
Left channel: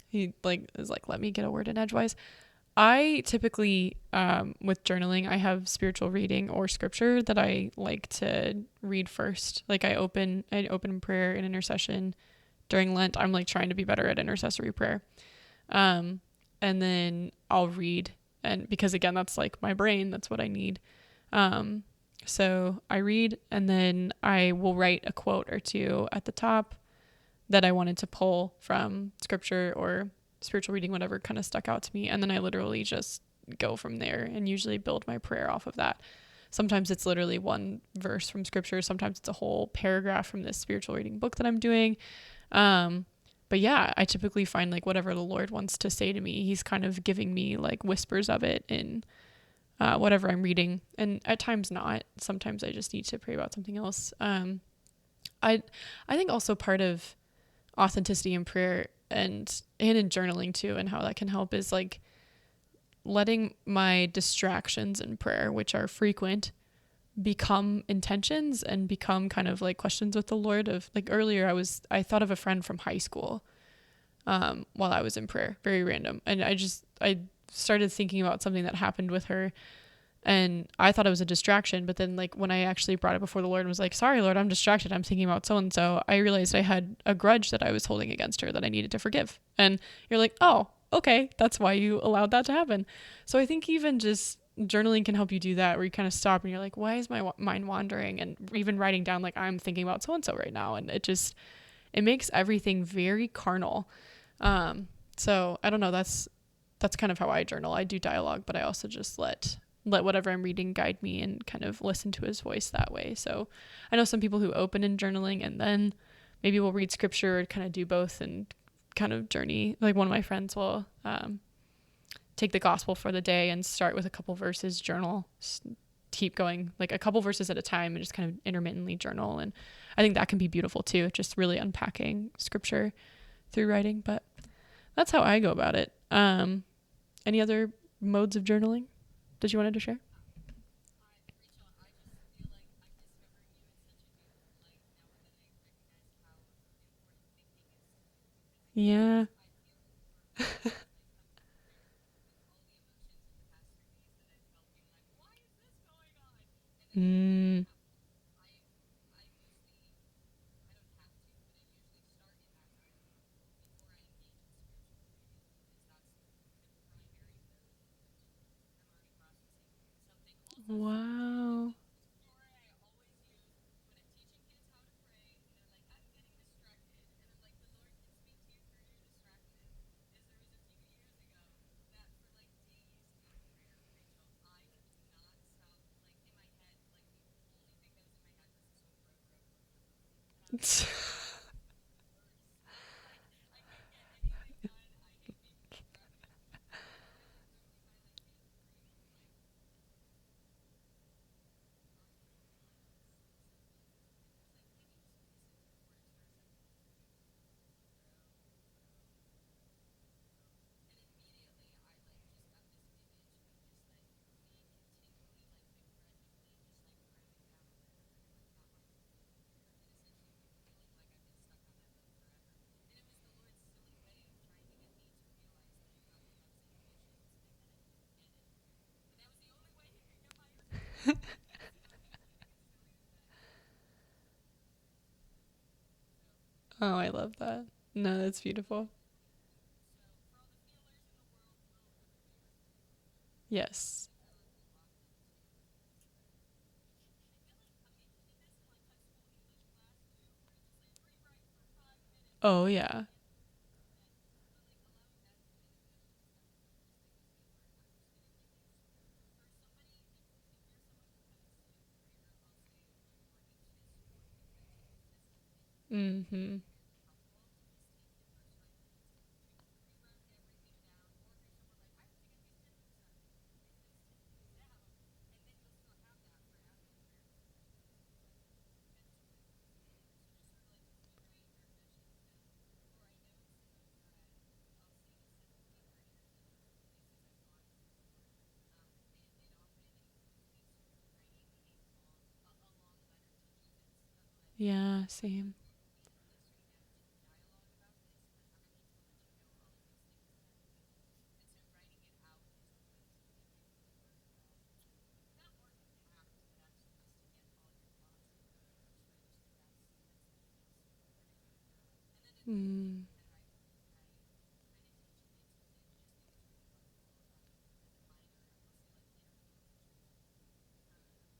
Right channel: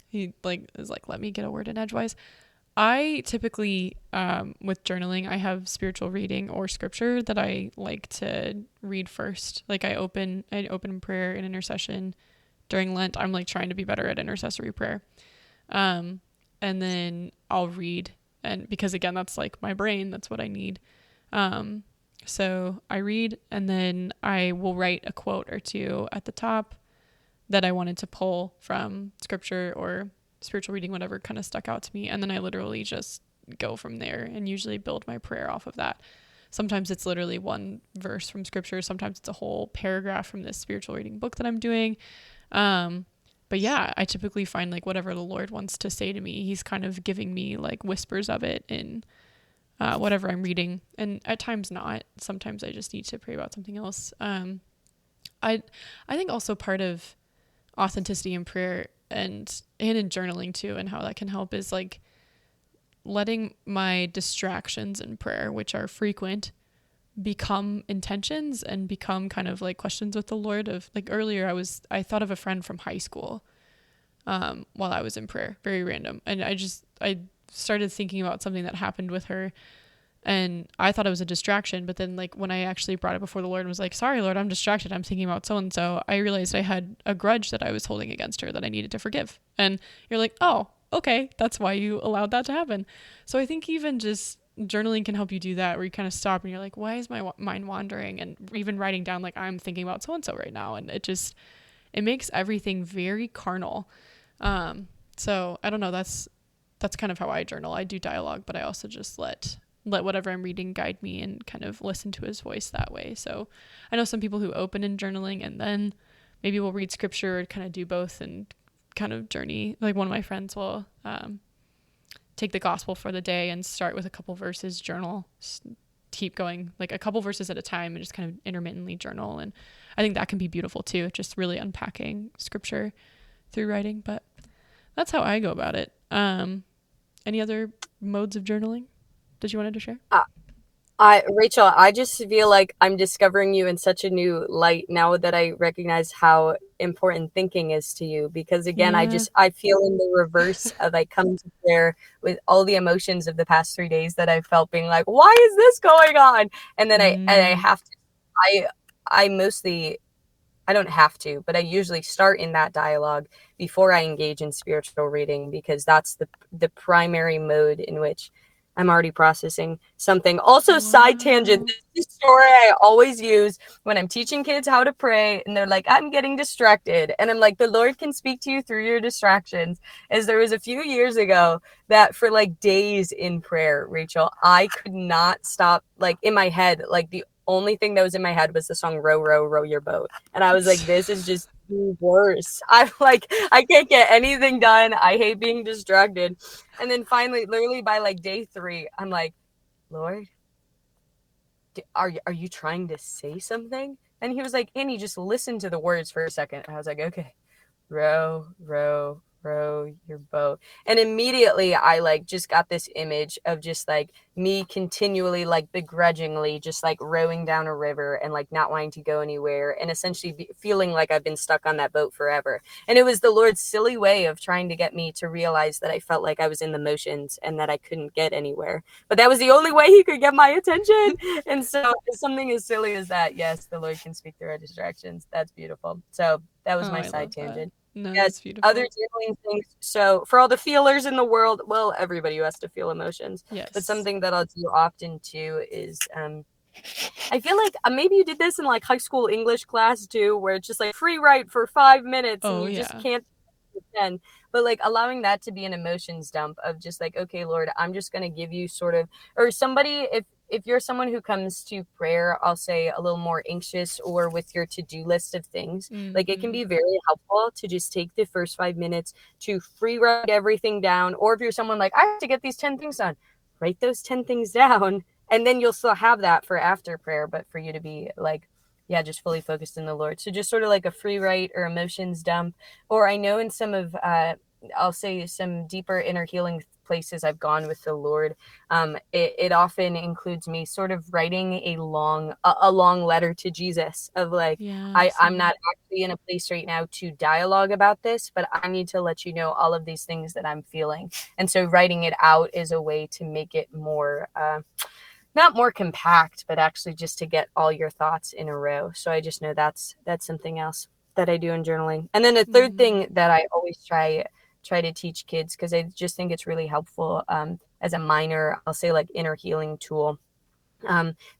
He like is like, let me get a word in edgewise. I typically, with journaling, I have spiritual reading or scripture that I like to read first. Like I open in prayer and intercession during Lent. I'm like trying to be better at intercessory prayer. And then I'll read, and because again, that's like my brain, that's what I need. So I read, and then I will write a quote or two at the top that I wanted to pull from scripture or spiritual reading, whatever kind of stuck out to me. And then I literally just go from there and usually build my prayer off of that. Sometimes it's literally one verse from scripture. Sometimes it's a whole paragraph from this spiritual reading book that I'm doing. But yeah, I typically find like whatever the Lord wants to say to me, he's kind of giving me like whispers of it in whatever I'm reading. And at times not. Sometimes I just need to pray about something else. I think also part of authenticity in prayer and in journaling too, and how that can help is like letting my distractions in prayer, which are frequent, become intentions and become kind of like questions with the Lord. Of like earlier I thought of a friend from high school while I was in prayer, very random, and I started thinking about something that happened with her, and I thought it was a distraction. But then like when I actually brought it before the Lord and was like, sorry Lord, I'm distracted, I'm thinking about so and so, I realized I had a grudge that I was holding against her that I needed to forgive. And you're like, oh, okay, that's why you allowed that to happen. So I think even just journaling can help you do that, where you kind of stop and you're like, why is my mind wandering? And even writing down like, I'm thinking about so and so right now, and it makes everything very carnal. So I don't know, that's kind of how I journal. I do dialogue, but I also just let whatever I'm reading guide me and kind of listen to his voice that way. So I know some people who open in journaling and then maybe we'll read scripture, kind of do both and kind of journey. Like one of my friends will take the gospel for the day and start with a couple verses, journal, keep going like a couple verses at a time and just kind of intermittently journal. And I think that can be beautiful too, just really unpacking scripture through writing. But that's how I go about it. Any other modes of journaling that you wanted to share? Rachel, I just feel like I'm discovering you in such a new light now that I recognize how important thinking is to you. Because again, Yeah. I feel in the reverse of I come to prayer with all the emotions of the past 3 days that I felt, being like, why is this going on? And then I have to, I don't have to, but I usually start in that dialogue before I engage in spiritual reading, because that's the primary mode in which I'm already processing something. Also, Wow. side tangent, this is a story I always use when I'm teaching kids how to pray, and they're like, I'm getting distracted. And I'm like, the Lord can speak to you through your distractions. As there was a few years ago that for like days in prayer, Rachel, I could not stop, like in my head, like the only thing that was in my head was the song Row, Row, Row Your Boat. And I was like, this is just worse. I'm like, I can't get anything done. I hate being distracted. And then finally, literally by like day 3, I'm like, Lord, are you trying to say something? And he was like, Annie, just listen to the words for a second. And I was like, okay. Row, row, row your boat. And immediately I like just got this image of just like me continually like begrudgingly just like rowing down a river and like not wanting to go anywhere, and essentially feeling like I've been stuck on that boat forever. And it was the Lord's silly way of trying to get me to realize that I felt like I was in the motions and that I couldn't get anywhere, but that was the only way he could get my attention. And so something as silly as that, yes, the Lord can speak through our distractions. That's beautiful. So that was my side tangent. No, Yes, that's beautiful. other journaling things. So for all the feelers in the world, well, everybody who has to feel emotions. Yes. But something that I'll do often too is I feel like maybe you did this in like high school English class too, where it's just like free write for 5 minutes and you just can't pretend. But like allowing that to be an emotions dump of just like, okay, Lord, I'm just going to give you sort of, or somebody, if you're someone who comes to prayer, I'll say a little more anxious or with your to-do list of things, like it can be very helpful to just take the first 5 minutes to free write everything down. Or if you're someone like, I have to get these 10 things done, write those 10 things down, and then you'll still have that for after prayer, but for you to be like, yeah, just fully focused in the Lord. So just sort of like a free write or emotions dump. Or I know in some of, I'll say some deeper inner healing places I've gone with the Lord, it often includes me sort of writing a long letter to Jesus of like, Yeah, I'm same. not actually in a place right now to dialogue about this, but I need to let you know all of these things that I'm feeling. And so writing it out is a way to make it more, not more compact, but actually just to get all your thoughts in a row. So I just know that's something else that I do in journaling. And then the third thing that I always try to teach kids, because I just think it's really helpful, as a minor, I'll say like inner healing tool,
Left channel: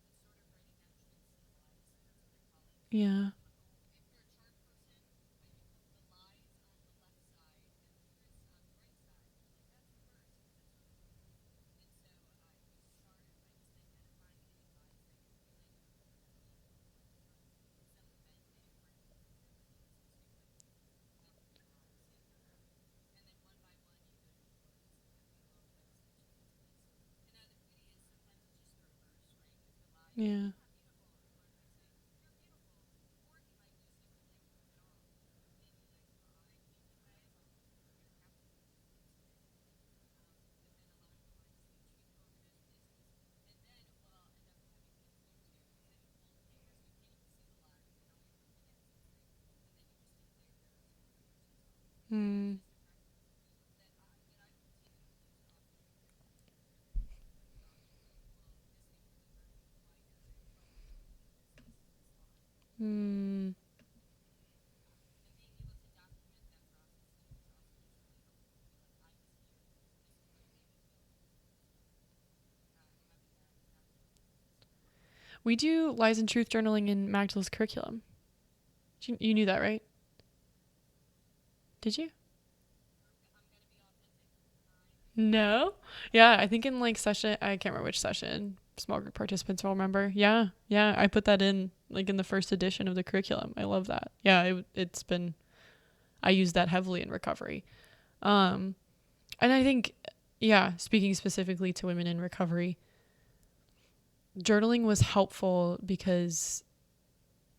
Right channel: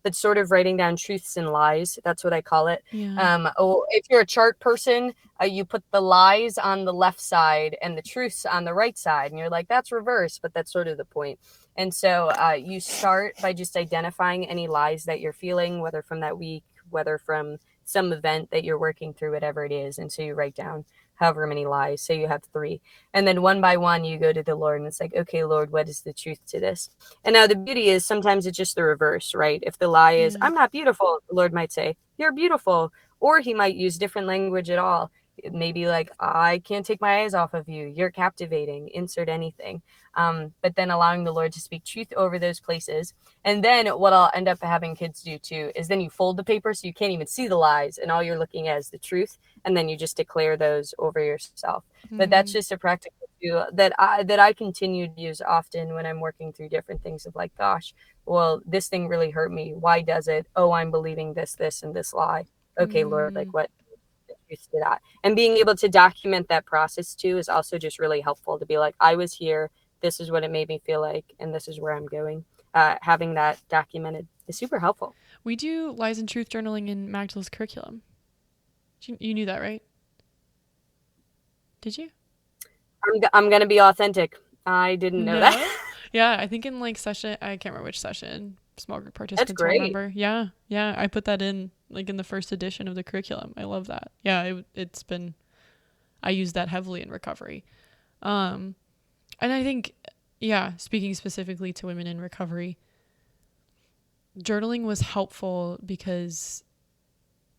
but sort of writing down truths and lies. That's what I call it. Yeah. If you're a chart person, you put the lies on the left side and the truths on the right side, and you're like, that's reverse, but that's sort of the point. And so you start by just identifying any lies that you're feeling, whether from that week, whether from some event that you're working through, whatever it is. And so you write down however many lies. So you have 3. And then one by one, you go to the Lord and it's like, okay, Lord, what is the truth to this? And now the beauty is sometimes it's just the reverse, right? If the lie is, Yeah. I'm not beautiful, the Lord might say, you're beautiful. Or he might use different language at all. Maybe like, I can't take my eyes off of you. You're captivating, insert anything. But then allowing the Lord to speak truth over those places. And then what I'll end up having kids do too is then you fold the paper so you can't even see the lies and all you're looking at is the truth. And then you just declare those over yourself. But that's just a practical tool that I continue to use often when I'm working through different things of like, gosh, well, this thing really hurt me. Why does it? Oh, I'm believing this, and this lie. Okay, Lord, like what is the truth to that? And being able to document that process too is also just really helpful to be like, I was here. This is what it made me feel like, and this is where I'm going. Having that documented is super helpful. We do lies and truth journaling in Magdala's curriculum. You knew that, right? Did you? I'm going to be authentic. I didn't know that. No. Yeah, I think in like session, I can't remember which session. Small group That's participants will great. remember. Yeah, yeah, I put that in like in the first edition of the curriculum. I love that. Yeah, it's been, I use that heavily in recovery. And I think, yeah, speaking specifically to women in recovery, journaling was helpful because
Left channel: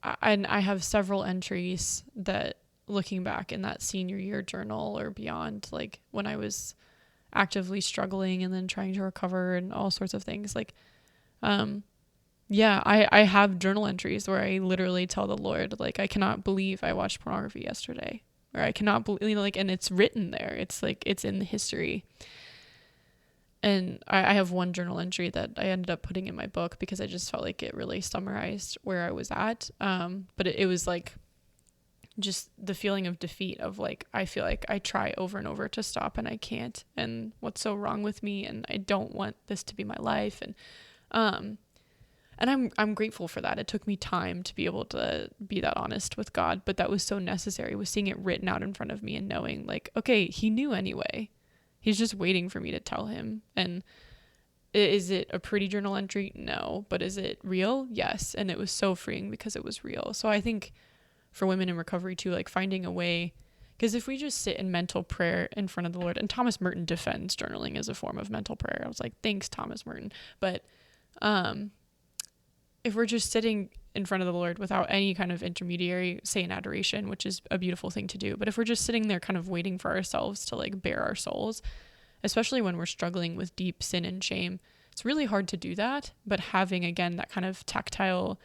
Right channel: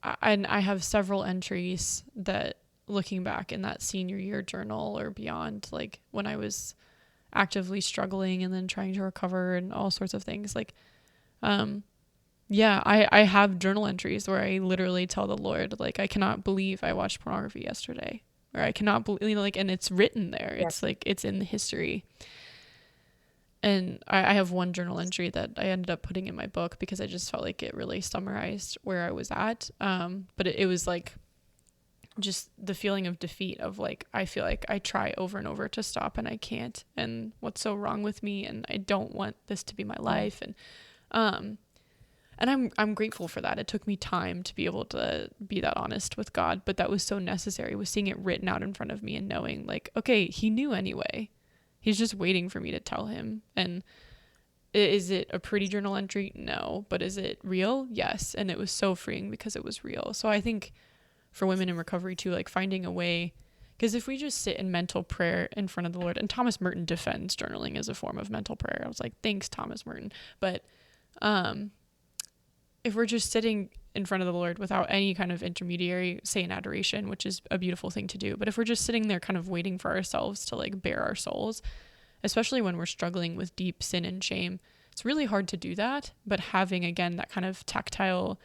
I have several entries that, looking back in that senior year journal or beyond, like when I was actively struggling and then trying to recover and all sorts of things, like yeah, I have journal entries where I literally tell the Lord, like, I cannot believe I watched pornography yesterday, or I cannot believe, like, and it's written there. Yeah. It's like, it's in the history. And I have one journal entry that I ended up putting in my book because I just felt like it really summarized where I was at. But it was like just the feeling of defeat of like, I feel like I try over and over to stop and I can't, and what's so wrong with me, and I don't want this to be my life. And I'm grateful for that. It took me time to be able to be that honest with God, but that was so necessary, was seeing it written out in front of me and knowing like, okay, he knew anyway. He's just waiting for me to tell him. And is it a pretty journal entry? No. But is it real? Yes. And it was so freeing because it was real. So I think for women in recovery too, like finding a way, because if we just sit in mental prayer in front of the Lord, and Thomas Merton defends journaling as a form of mental prayer. I was like, thanks, Thomas Merton. But if we're just sitting in front of the Lord without any kind of intermediary, say in adoration, which is a beautiful thing to do, but if we're just sitting there kind of waiting for ourselves to like bare our souls, especially when we're struggling with deep sin and shame, it's really hard to do that. But having, again, that kind of tactile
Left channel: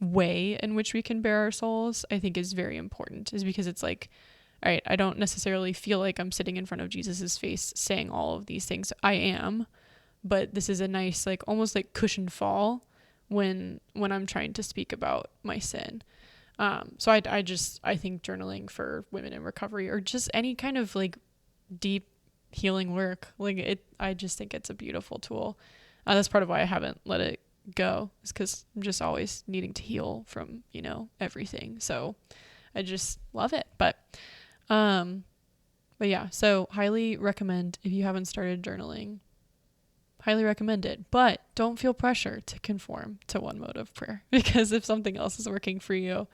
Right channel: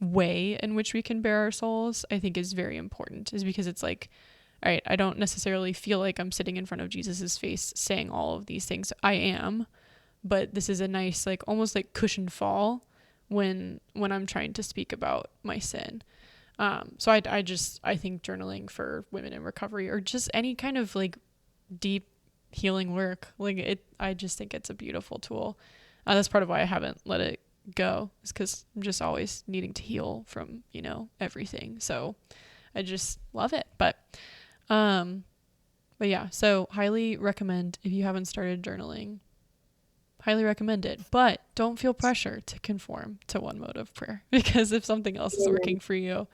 way in which we can bare our souls, I think is very important, is because it's like, all right, I don't necessarily feel like I'm sitting in front of Jesus's face saying all of these things. I am, but this is a nice, like almost like cushioned fall when I'm trying to speak about my sin. So I think journaling for women in recovery, or just any kind of like deep healing work, like I just think it's a beautiful tool. That's part of why I haven't let it go, is because I'm just always needing to heal from, everything. So I just love it. But yeah, so highly recommend, if you haven't started journaling, highly recommend it. But don't feel pressure to conform to one mode of prayer, because if something else is working for you,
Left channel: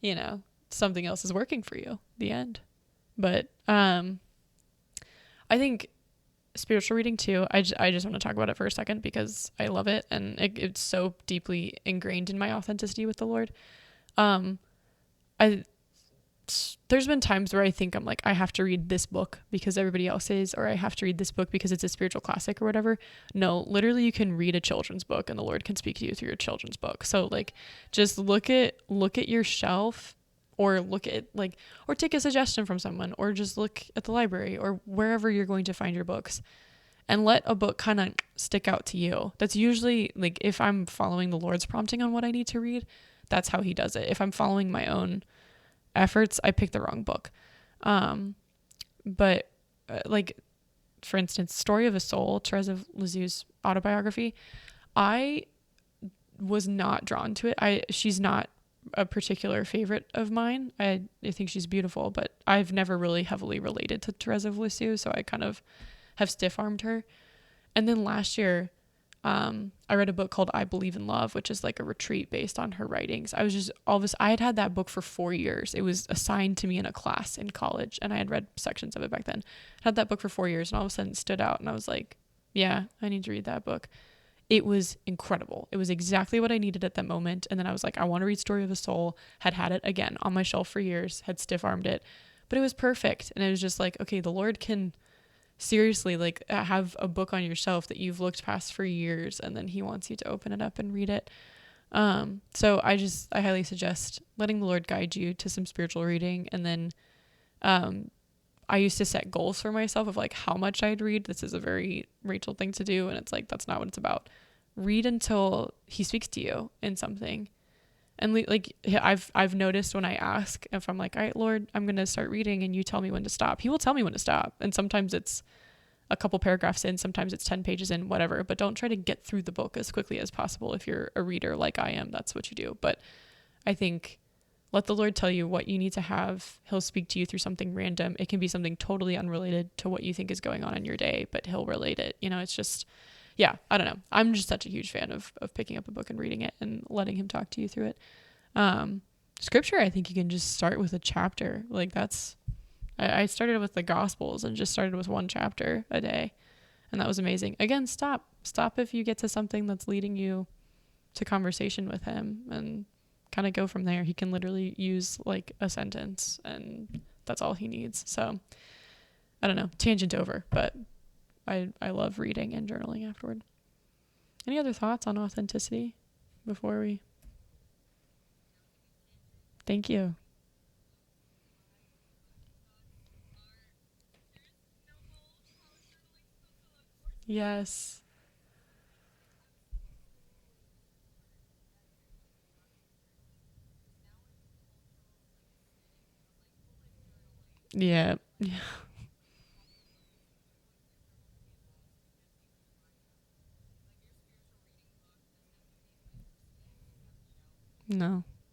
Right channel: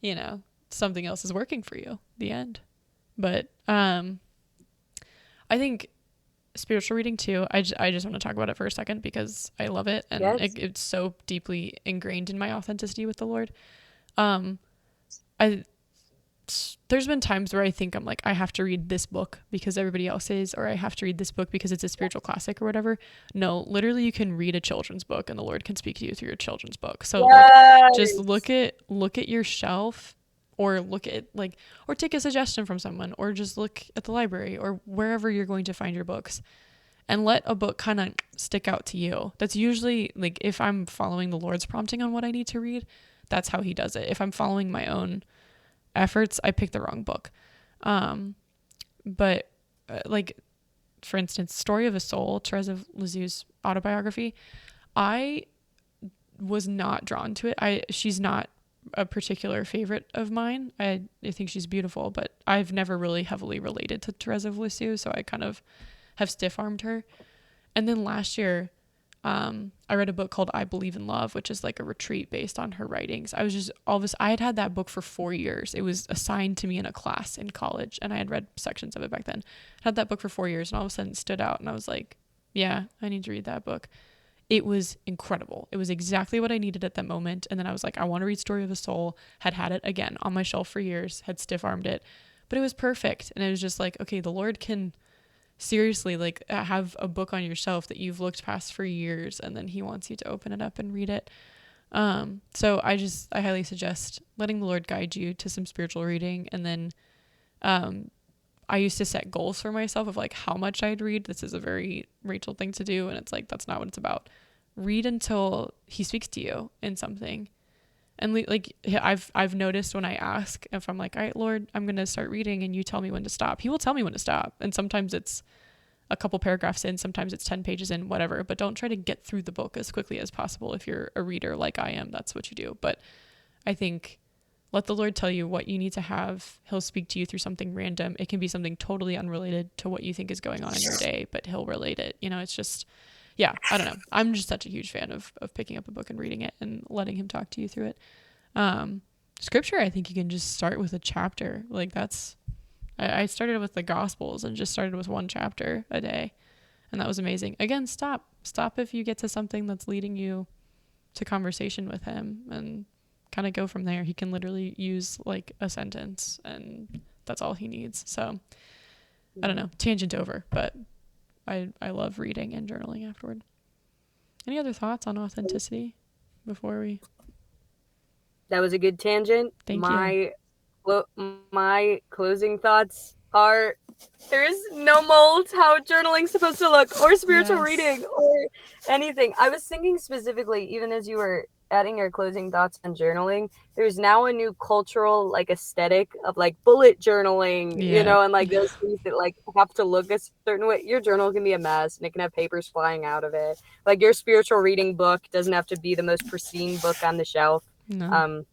you know, something else is working for you, the end. But I think spiritual reading too, I just want to talk about it for a second because I love it, and it's so deeply ingrained in my authenticity with the Lord. There's been times where I think I'm like, I have to read this book because everybody else is, or I have to read this book because it's a spiritual classic or whatever. No, literally you can read a children's book and the Lord can speak to you through your children's book. So like, just look at your shelf, or look at like, or take a suggestion from someone, or just look at the library or wherever you're going to find your books, and let a book kind of stick out to you. That's usually like, if I'm following the Lord's prompting on what I need to read, that's how he does it. If I'm following my own efforts, I pick the wrong book. But like, for instance, Story of a Soul, Therese of Lisieux's autobiography, I was not drawn to it. She's not a particular favorite of mine. I think she's beautiful, but I've never really heavily related to Therese of Lisieux, so I kind of have stiff-armed her. And then last year, I read a book called I Believe in Love, which is like a retreat based on her writings. I had that book for 4 years. It was assigned to me in a class in college, and I had read sections of it back then. I had that book for 4 years, and all of a sudden it stood out, and I was like, yeah, I need to read that book. It was incredible. It was exactly what I needed at that moment. And then I was like, I want to read Story of a Soul. Had it again on my shelf for years, had stiff-armed it, but it was perfect. And it was just like, okay, the Lord can seriously like have a book on your shelf that you've looked past for years, and then he wants you to open it up and read it. So I highly suggest letting the Lord guide you to some spiritual reading. And then I used to set goals for myself of like how much I'd read. This is a very Rachel thing to do, and it's like, that's not what it's about. Read until he speaks to you in something. And like, I've noticed when I ask, if I'm like, all right, Lord, I'm going to start reading, and you tell me when to stop, he will tell me when to stop. And sometimes it's a couple paragraphs in, sometimes it's 10 pages in, whatever, but don't try to get through the book as quickly as possible. If you're a reader like I am, that's what you do. But I think let the Lord tell you what you need to have. He'll speak to you through something random. It can be something totally unrelated to what you think is going on in your day, but he'll relate it. You know, it's just, yeah, I don't know. I'm just such a huge fan of picking up a book and reading it and letting him talk to you through it. Scripture, I think you can just start with a chapter. Like I started with the Gospels and just started with one chapter a day. And that was amazing. Again, stop if you get to something that's leading you to conversation with him, and kind of go from there. He can literally use like a sentence, and that's all he needs. So I don't know, tangent over, but I love reading and journaling afterward. Any other thoughts on authenticity before we? That was a good tangent. Thank you. My closing thoughts are, there is no mold how journaling's supposed to look, or spiritual reading, or anything. I was thinking specifically, even as you were adding your closing thoughts on journaling, there's now a new cultural like aesthetic of like bullet journaling, you know, and like those things that like have to look a certain way. Your journal can be a mess, and it can have papers flying out of it. Like your spiritual reading book doesn't have to be the most pristine book on the shelf. No.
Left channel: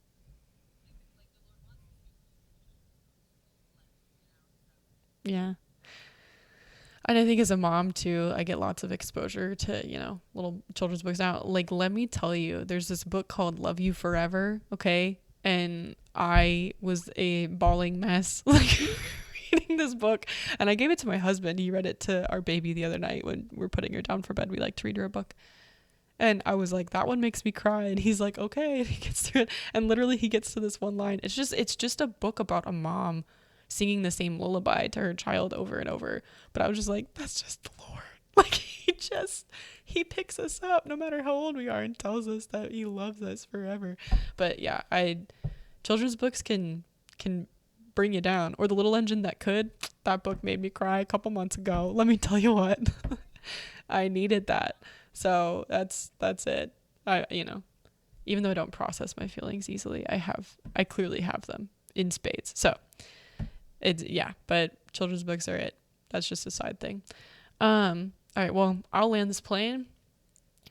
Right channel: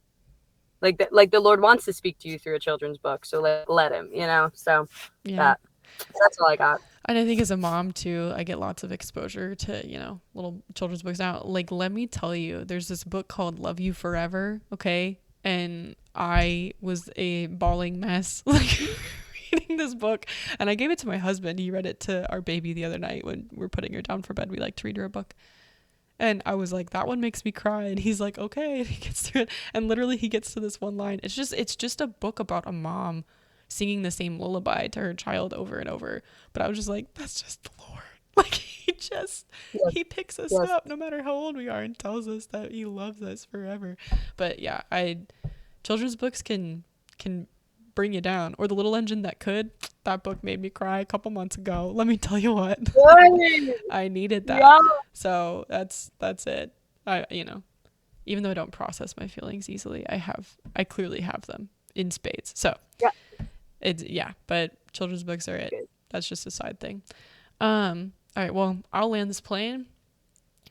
Like the Lord wants to speak to you through a children's book, so let him, you know. So that's all I got. And I think as a mom too, I get lots of exposure to, you know, little children's books now. Like, let me tell you, there's this book called Love You Forever, okay? And I was a bawling mess like reading this book, and I gave it to my husband. He read it to our baby the other night when we're putting her down for bed. We like to read her a book. And I was like, that one makes me cry. And he's like, okay. And he gets through it. And literally he gets to this one line. It's just a book about a mom singing the same lullaby to her child over and over. But I was just like, that's just the Lord. Like he picks us up no matter how old we are and tells us that he loves us forever. But yeah, children's books can bring you down. Or The Little Engine That Could. That book made me cry a couple months ago. Let me tell you what. I needed that. Yeah. So that's it. I, you know, even though I don't process my feelings easily, I clearly have them in spades. So but children's books are it. That's just a side thing. All right, well, I'll land this plane.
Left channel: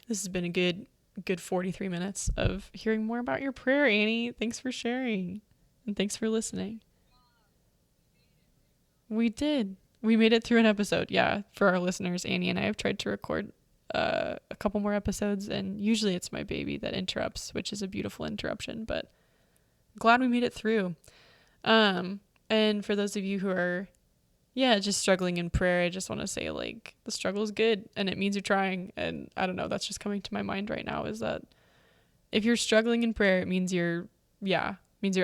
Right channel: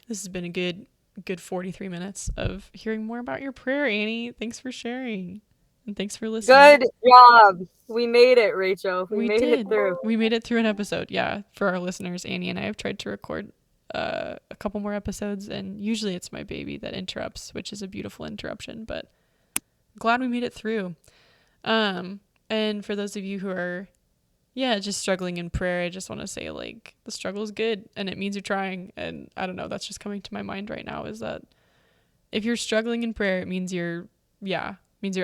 This has been a good 43 minutes of hearing more about your prayer, Annie. Thanks for sharing. And thanks for listening. Good job. We made it, Rachel. We did. We made it through an episode. Yeah. For our listeners, Annie and I have tried to record a couple more episodes, and usually it's my baby that interrupts, which is a beautiful interruption, but glad we made it through. And for those of you who are just struggling in prayer, I just want to say, like, the struggle is good and it means you're trying. And I don't know, that's just coming to my mind right now, is that if you're struggling in prayer, it means you're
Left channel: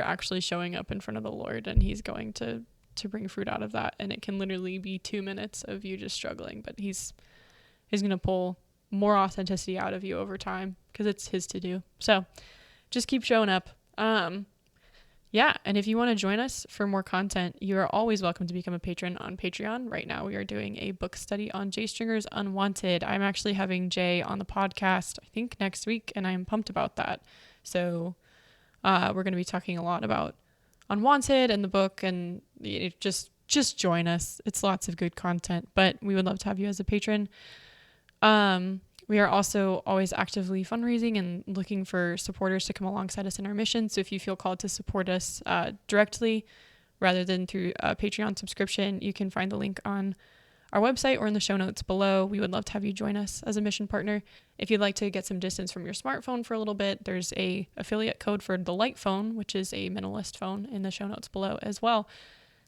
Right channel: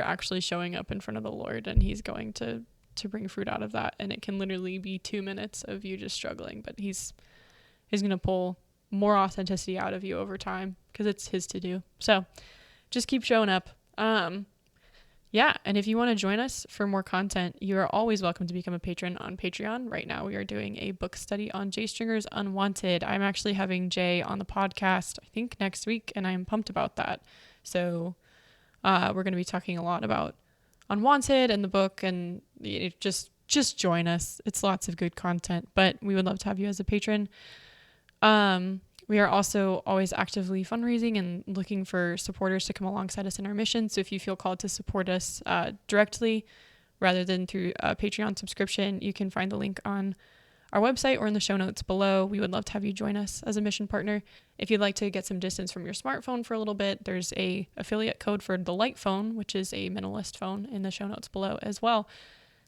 actually showing up in front of the Lord, and he's going to bring fruit out of that. And it can literally be 2 minutes of you just struggling, but he's going to pull more authenticity out of you over time, because it's his to do. So just keep showing up. And if you want to join us for more content, you are always welcome to become a patron on Patreon. Right now, we are doing a book study on J. Stringer's Unwanted. I'm actually having Jay on the podcast, I think next week, and I'm pumped about that. So we're going to be talking a lot about Unwanted and the book, and just join us. It's lots of good content, but we would love to have you as a patron. We are also always actively fundraising and looking for supporters to come alongside us in our mission. So if you feel called to support us directly rather than through a Patreon subscription, you can find the link on our website or in the show notes below. We would love to have you join us as a mission partner. If you'd like to get some distance from your smartphone for a little bit, there's a affiliate code for the Light phone, which is a minimalist phone, in the show notes below as well.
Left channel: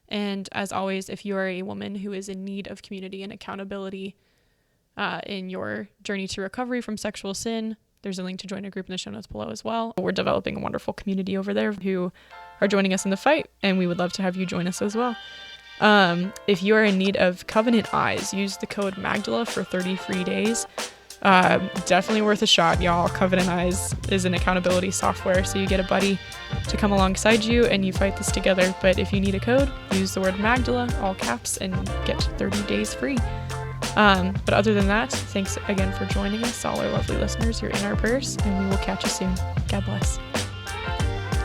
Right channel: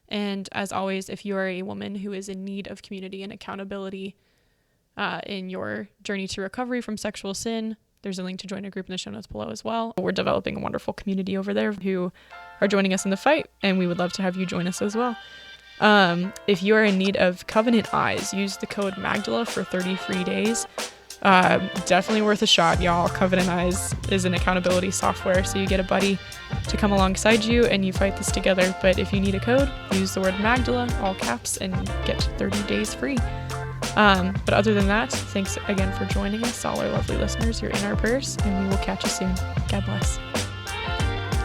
And as always, if you are a woman who is in need of community and accountability in your journey to recovery from sexual sin, there's a link to join a group in the show notes below as well. We're developing a wonderful community over there who are joining us in the fight, and we would love to have you join us as well. If you are in need of covenant eyes, use the code Magdala for 30 free days. Definitely worth a shot, y'all. Covenant Eyes is an accountability software, so you get a buddy to come alongside you and you fight this together. But if you need a code, use the word Magdala, all caps, and get 30 days free. But other than that, thanks again for joining us, all our lovely listeners. You're in our prayers, and we will catch you soon. God bless.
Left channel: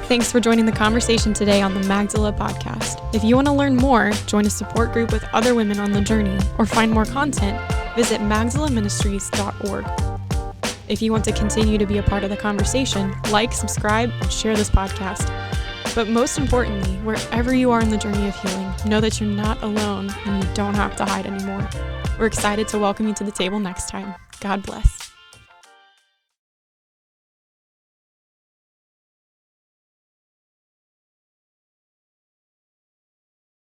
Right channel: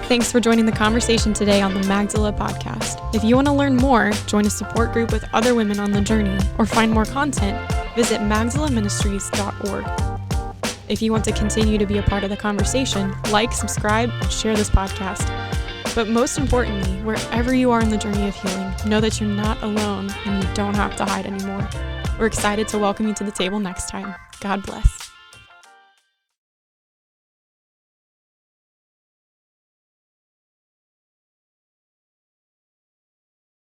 Thanks for joining the conversation today on the Magdala Podcast. If you want to learn more, join a support group with other women on the journey, or find more content, visit magdalaministries.org. If you want to continue to be a part of the conversation, like, subscribe, and share this podcast. But most importantly, wherever you are in the journey of healing, know that you're not alone and you don't have to hide anymore. We're excited to welcome you to the table next time. God bless.